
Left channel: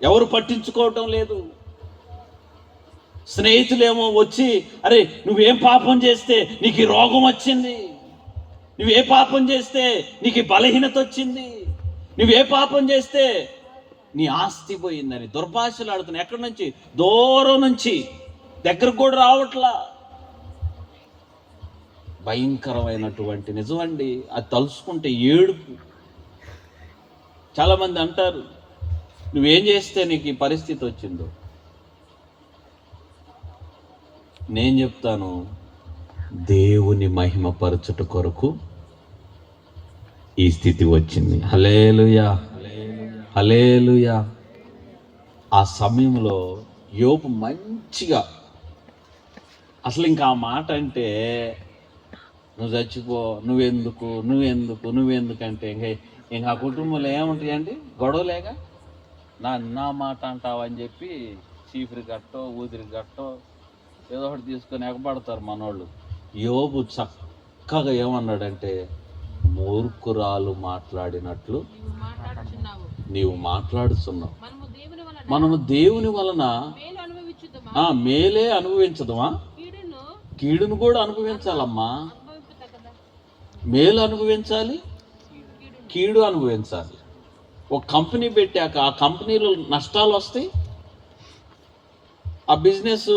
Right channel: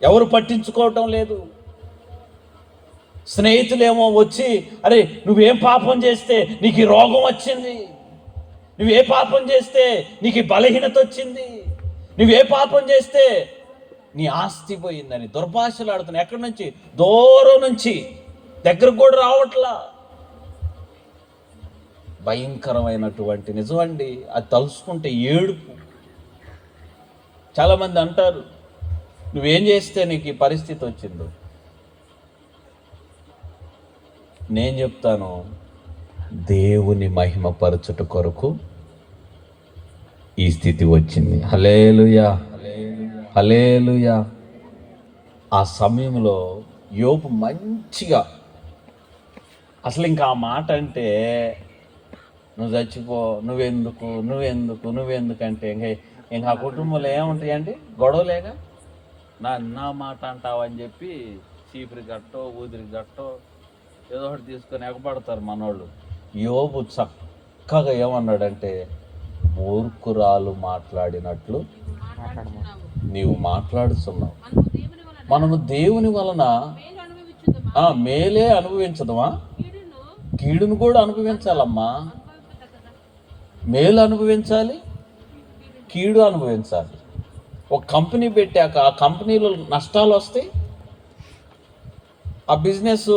ఎవరు పట్టించుకోవటం లేదు. స్నేహితులేమో వచ్చి, అరే నువ్వేం పాపం చేస్తే నీకు ఈ రోగం వచ్చింది, నువ్వే పాపం చేస్తే నీకు ఈ బలహీనత వచ్చింది, నువ్వే పాపం చేస్తే నీ ఆస్తి పోయిందని దుర్భాషలు ఆడుతున్నాయి. ఎక్కడి నుంచి? దూరం నుంచి, దగ్గరకు కూడా రావట్లా. భయంకరమైనటువంటి నిజమండి, అది తలుసుకుంటే ఏడుపు. చాలామంది అంటారు, నువ్వేం చేస్తే నీకు ఈ పరిస్థితి వచ్చిందో. నేను చెప్తాను, దేవుని మహిమపరచుట కొరకు ఈ స్థితి వచ్చింది. హల్లెలూయా, హల్లెలూయా. ఆ సమయంలో యోబు మంచిగా, అసలు ఇంకా ఆ మాట అంటే నువ్వు చచ్చిపో, నువ్వెందుకు అంటే ఇంకా ఆ కుటుంబంలో ఏముంటాయండి? గొడవలేగా. నా మాట అంటావని చెప్పి చీపురి గట్టో ఊదిరి గట్టో ఏదో ఒకటి తీసుకొని ఎగబడతారు మనోళ్ళు. యోబు చక్కగా ఏమన్నాడంటే, మూర్ఖురాలు మాట్లాడినట్లు నీవు మాట్లాడుతున్నావు. మనము దేవుని వలన మేలే అనుభవించదమా? కీడును కూడా అనుభవించాలమ్మా. మేలు అనుభవించాలి, కీడు అనుభవించాలి. ఒక కంపెనీ పెట్టాక ఆ కంపెనీలో నష్టాలు వస్తాయి, ఆ బిజినెస్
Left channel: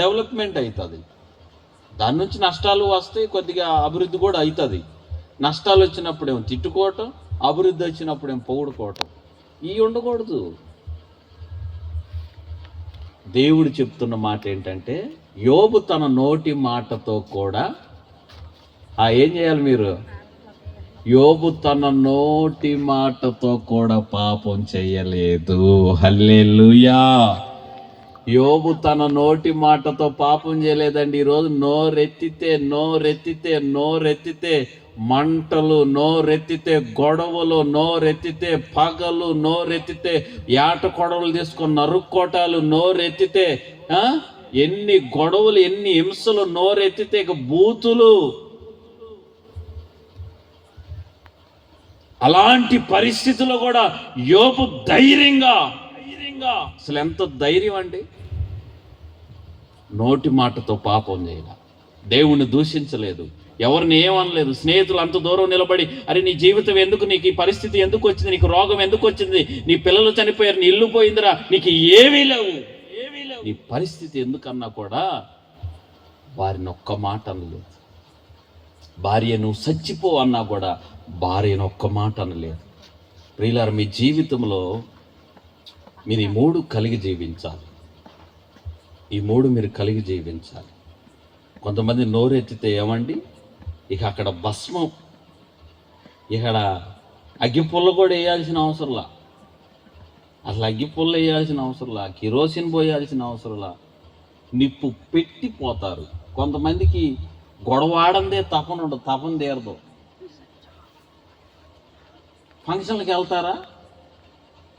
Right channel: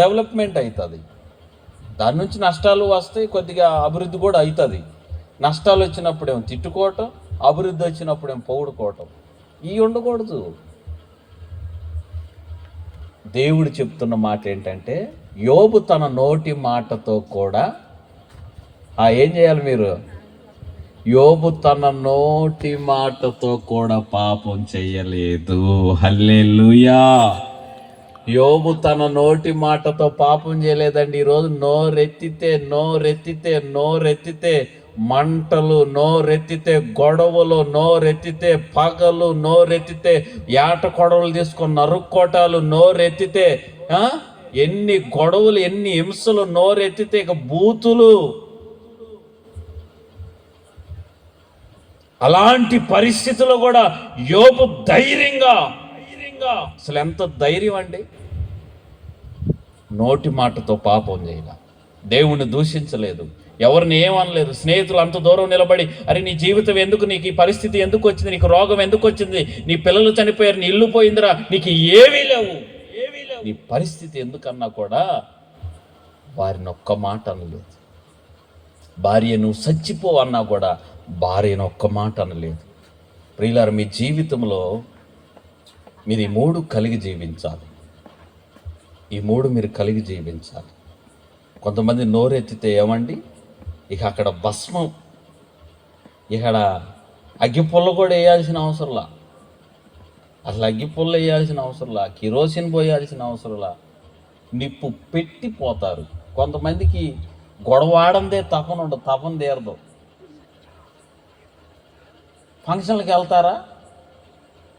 డెవలప్మెంట్ అవుతుంది, దాని నుంచి నష్టాలు వస్తాయి, కొద్దిగా అభివృద్ధి కూడా అవుతుంది. నష్టాలు వచ్చినప్పుడేమో తిట్టుకోవటం, అభివృద్ధి వచ్చినప్పుడేమో పొగుడుకోవటం, ఇవి ఉండకూడదు. దేవుడు చెప్తున్న మాట ఏంటంటే, యోబు తన నోటి మాటతో కూడా ఏం చేయాలి మీరు? యోబు తన నోటి మాటతో కూడా పాపం చెయ్యలేదు. హల్లెలూయా. యోబు తన నోటి మాటతో పాపం చేయలేదండి. ఈరోజు నోరెత్తితే మంటలు, నోరెత్తితే గొడవలు, నోరెత్తితే పగలు, నోరెత్తితే ఏట కొడవలు తీసుకొని నరుక్కోటాలు, నోరెత్తితే ఎన్ని గొడవలు, ఎన్ని హింసలు, నోరెత్తితే ఇక బూతులు. అలాంటి పరిస్థితుల్లో కూడా యోబు ధైర్యంగా, అసలు ఎంత ధైర్యం అండి! నోటి మాటతో పాపం చేయగా, దేవుణ్ణి దూషించలేదు, ఎవరిని ఏమనలేదు. స్నేహితులు అంత దూరం నిలబడి, అరే నీ జీవితం ఎందుకు, నీకు ఈ పరిస్థితి ఎందుకు వచ్చింది, నీకు రోగం ఎందుకు వచ్చింది, నీ పిల్లలు చనిపోయారు, నీ ఇల్లు పోయిందిరా, నీకు ఏమీ లేవు, నీ పరిస్థితి ఎందుకన్నా కూడా వారిని ఒక్క మాట అనలేదు. భార్య నువ్వు చచ్చిపో అన్నా కూడా భార్యను ఒక్క మాట అనలేదు. ప్రియులారా, మీ జీవితంలో మీరు ఈ మూడు కలిగి జీవించాలి. ఈ మూడు మీరు కలిగి జీవించాలి. కొంతమంది నోరెత్తితే ఏమండి, ఇక అక్కడ భస్మం, ఇక్కడ అగ్గిపుల్ల కూడా వేయాల్సిన అవసరంలా, అసలు అగ్గిపుల్ల వేయాల్సిన అవసరంలా, కిరోసిన్ పోయాల్సిన అవసరంలా, నిప్పు పెట్టిపోతారు. కొంతమందికి గొడవాడందే తపన తీరదు. ఫంక్షన్లకు వెళ్తారా,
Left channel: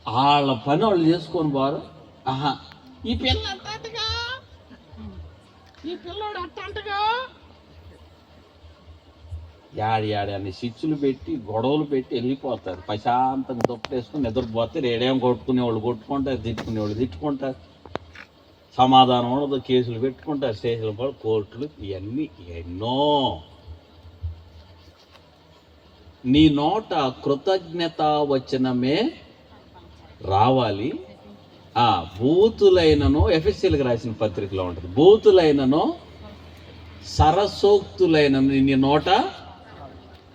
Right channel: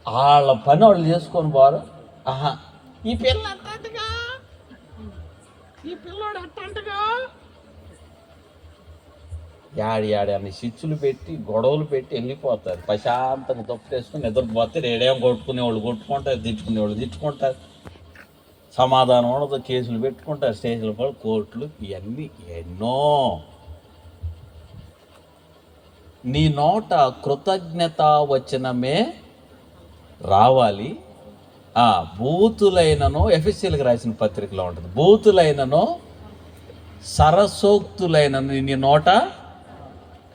వాళ్ళ పని వాళ్ళు చేసుకొని పోరు. ఈ పిల్ల అట్టగా, ఈ పిల్లోడు అట్టంటగా, యాడి అని స్విచ్లు పెట్టి గొడవలు పెట్టి వెళ్ళిపోతారు. ప్రశాంతంగా తొప్పేసుకుని నిద్రపోతే ఏడేం కొట్టుకునేవాళ్ళు కొట్టుకుంటారు, తిట్టుకునేవాళ్ళు తిట్టుకుంటారు, సమాధానం ఉండదు, కేసులు పెట్టుకుంటారు, స్టేషన్లు కూడా కోర్టులు, ఇవన్నీ ఎన్నో. నీ నోట కృతజ్ఞత వచనమే రావాలి. బూతులైనను, ఎఫ్ఎస్సీలకు రాసిన పత్రికలో ఉంటుంది, బూతులైనను సరసోక్తులైనను నీ నోట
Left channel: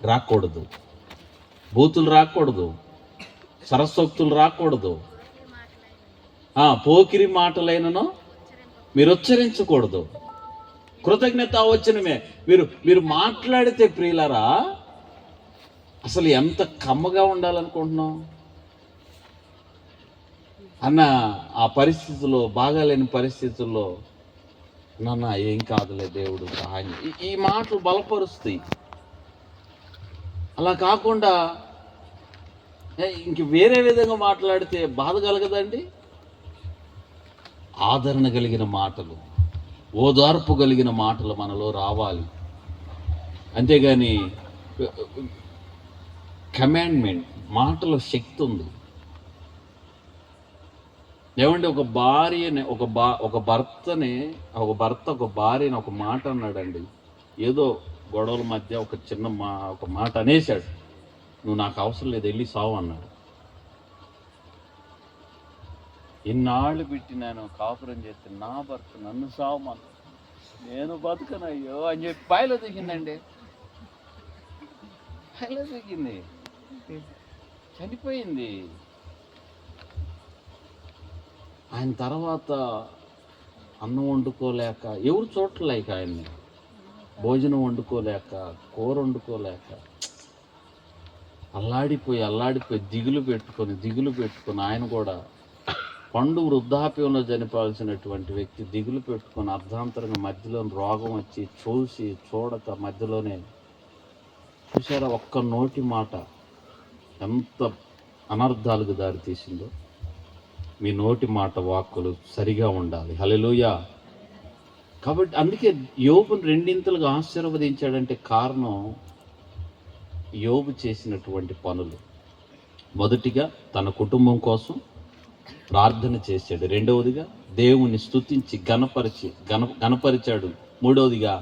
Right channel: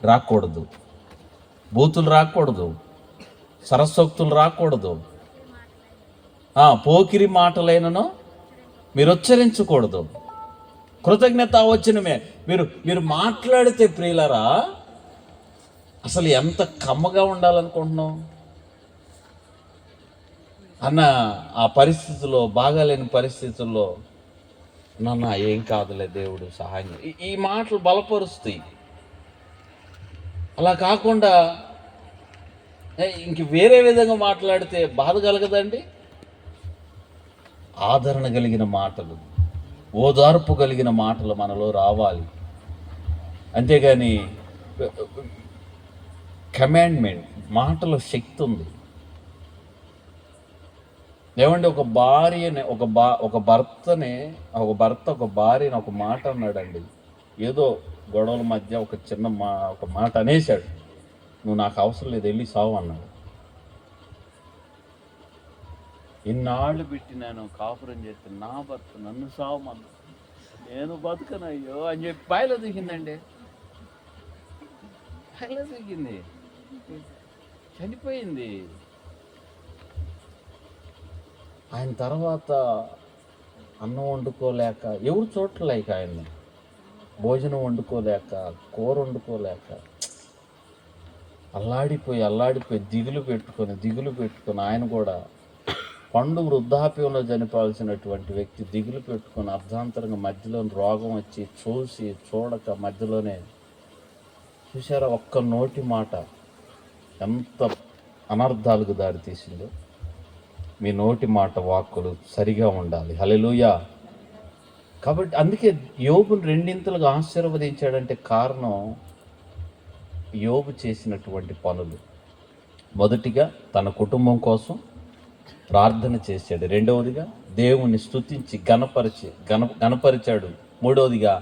రాకూడదు. బూతులు రాకూడదు, సరసోక్తులు రాకూడదు, పోకిరి మాటలైనను మీరు ఉచ్చరించకూడదు. కృతజ్ఞత వచనమే మీరు మాట్లాడితే ప్రియులారా అసలు ఎంత కమ్మగా ఉండాలనుకుంటున్నాం అన్న. ఆ పరిస్థితుల్లో, బాగాలేని పరిస్థితుల్లో నాన్న ఏం కాదులే దేవుడు సహాయం, ఈ మాటలు బలపరుస్తాయి. అలా కాకుండా ఇంక వేరే విధంగా మాట్లాడితే బాధ కలగదండి. ఆదరణ కలిగిన మాటలు, ఓదార్పు కలిగిన మాటలు మనలో రావాలి. అంతేగాని కమాండ్మెంట్ మాటలో శక్తి ఉంది. ఏమంటే ఒక భర్త ఒక భార్యని ఒక మాట అన్నాడండి. ఏదో గొడవల మధ్య ఒక మాట అనేశాడు, నువ్వు నాకు అవసరం లేదు, వెళ్ళి సావు అన్నాడు. ఇన్నాళ్ళు పెట్టి నేను కాపురం చేస్తే నా భర్త నన్ను సావమన్నాడు, నేను బతుకనయ్యో అని చెప్పి బాయిలో దిగిందండి. బాయిలో దిగింది, చనిపోయింది. ఆయన తర్వాత అన్నం వండుకోలేక, ఎవరు చూడలేక, ఆయన్ని భోజనం వండుకోలేక, కూర వండుకోలేక అల్లాడిపోయి దిగులు పెట్టుకొని ఆయన కూడా పండు వృద్ధాప్యంలో చనిపోవాల్సినటువంటి వ్యక్తి దిగులు పెట్టుకొని అర్ధాంతరంగా మధ్యలో రోగం వచ్చి చూడక మధ్యలోనే చూసారా, ఒక్క నోటి మాట ఎంత అనర్థాలకు దారితీసిందో. మీ నోటి మాట వాక్కులు సరిగా ఉండాలి. హల్లెలూయా. కాబట్టి అందుకే యోబును రెండింతలుగా ఆశీర్వదించాడంటే కారణం యోబు చేసినటువంటి పనులు. మొదటిగా తన కుటుంబం కోసం ప్రార్థన చేశాడు, రెండవదిగా దేవుణ్ణి స్తుతించి గణపరిచాడు, మూడవదిగా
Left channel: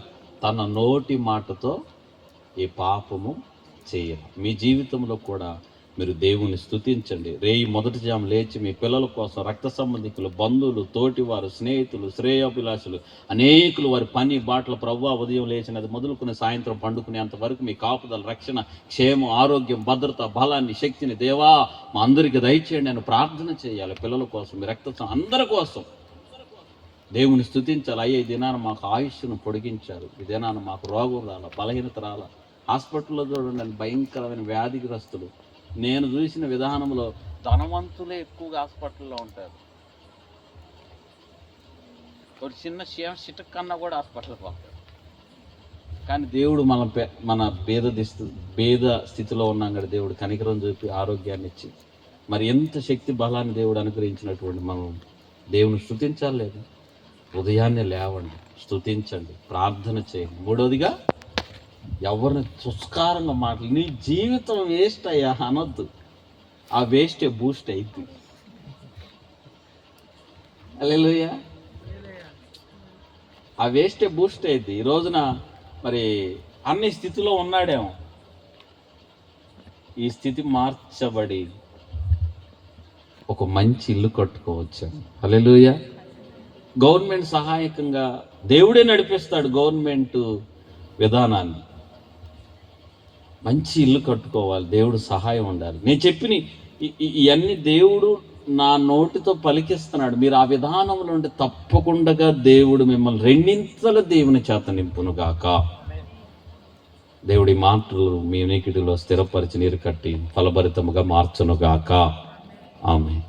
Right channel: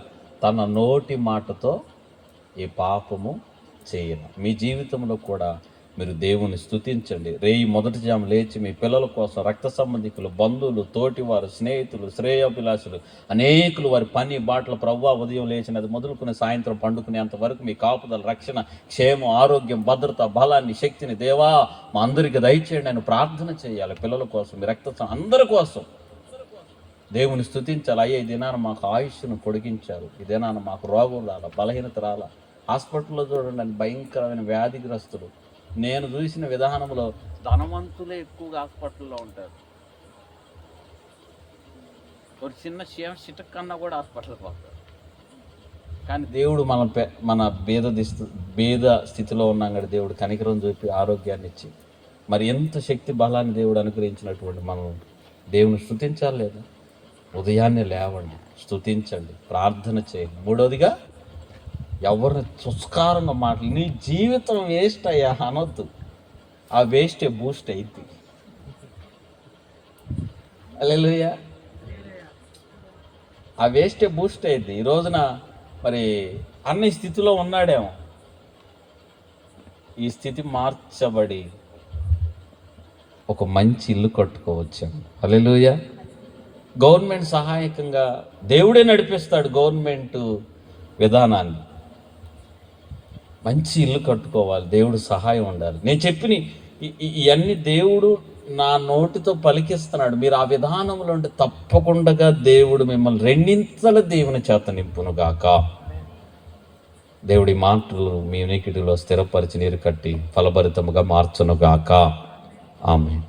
తన నోటి మాటతో ఏ పాపము చేయను. మీ జీవితంలో కూడా మీరు దేవుని స్తుతించండి. మొదటి జాము లేచి మీ పిల్లల కోసం, రక్త సంబంధికులు, బంధువులు, తోటివారు, స్నేహితులు, శ్రేయోభిలాషులు అనేకులు వారి పని బాటలు ప్రభువా ఉదయం లేచినది మొదలుకుని సాయంత్రం పండుకునేంత వరకు మీ కాపుదల, రక్షణ, క్షేమం, ఆరోగ్యం, భద్రత, బలాన్ని, శక్తిని దేవా మా అందరికీ దయచేయండి అని ప్రార్థన చేయాలి. పిల్లల కోసం, మీ అందరి కోసం దేవుని స్తుతించాలి. అయ్యే ఈ దినాన మాకు ఆయుష్ను పొడిగించారు, ఈ దినాన మాకు రోగం రాలా, బలహీనత రాలా. హాస్పిటల్లో చూడండి భయంకరమైన వ్యాధిగ్రస్తులు. నేను చూసిన విధానంలో ధనవంతులే ఎక్కువగా హాస్పిటల్లో ఉంటారు. ఒక చిన్న చిటక్ కన్నా కూడా హాస్పిటల్కి పోతారు. కానీ దేవుడు మన భేద స్థితిలో ఉన్నాం కదా, దేవుడు కనికరం చూపి ఆరోగ్యాన్ని ఇచ్చి మరి ఎంత శక్తి బలాన్ని దేవుడు అనుగ్రహించినటువంటి మనం దేవుని స్తుతించాలి లేదా? ఉదయాన్నే లేవండి, స్తుతించండి, ప్రార్థన చేయండి. మూడవదిగా ఎవరిని తుస్కారంగా మాటలు, నీ జీవితం వేస్ట్ అయ్యా అనొద్దు. ఆ వేస్టే బూస్ట్ అయింది. హల్లెలూయా. ఆ వేస్టే బూస్ట్ అయింది. ఈ రోజున మరి అన్ని స్థితిలో ఉన్నాడేమో, ఈ స్థితి మార్చబడి ఒక మంచి ఇల్లు కట్టుకోవచ్చాము. హల్లెలూయా. గవర్నమెంట్ సహాయకంగా దేవుడే నడిపిస్తాడు గవర్నమెంట్ విధానాన్ని. మంచి ఇల్లు కట్టుకోవాలి, దేవుడు సహాయం ఉండాలి. నేను చెప్పిన ఇవన్నీ దేవుడు నా నోటితో పలికిస్తున్నాడు. మీరు ఆ విధానంలో ఉంటే తప్పకుండా దేవుడు మిమ్మల్ని రెండింతల దేవుని చేత నింపునుగాక. దేవుడి మాటలు మీ వినికిడిలో స్థిరపరిచి నీరు కట్టి ఫలభరితముగా మార్చునుగాక. ఆమేన్.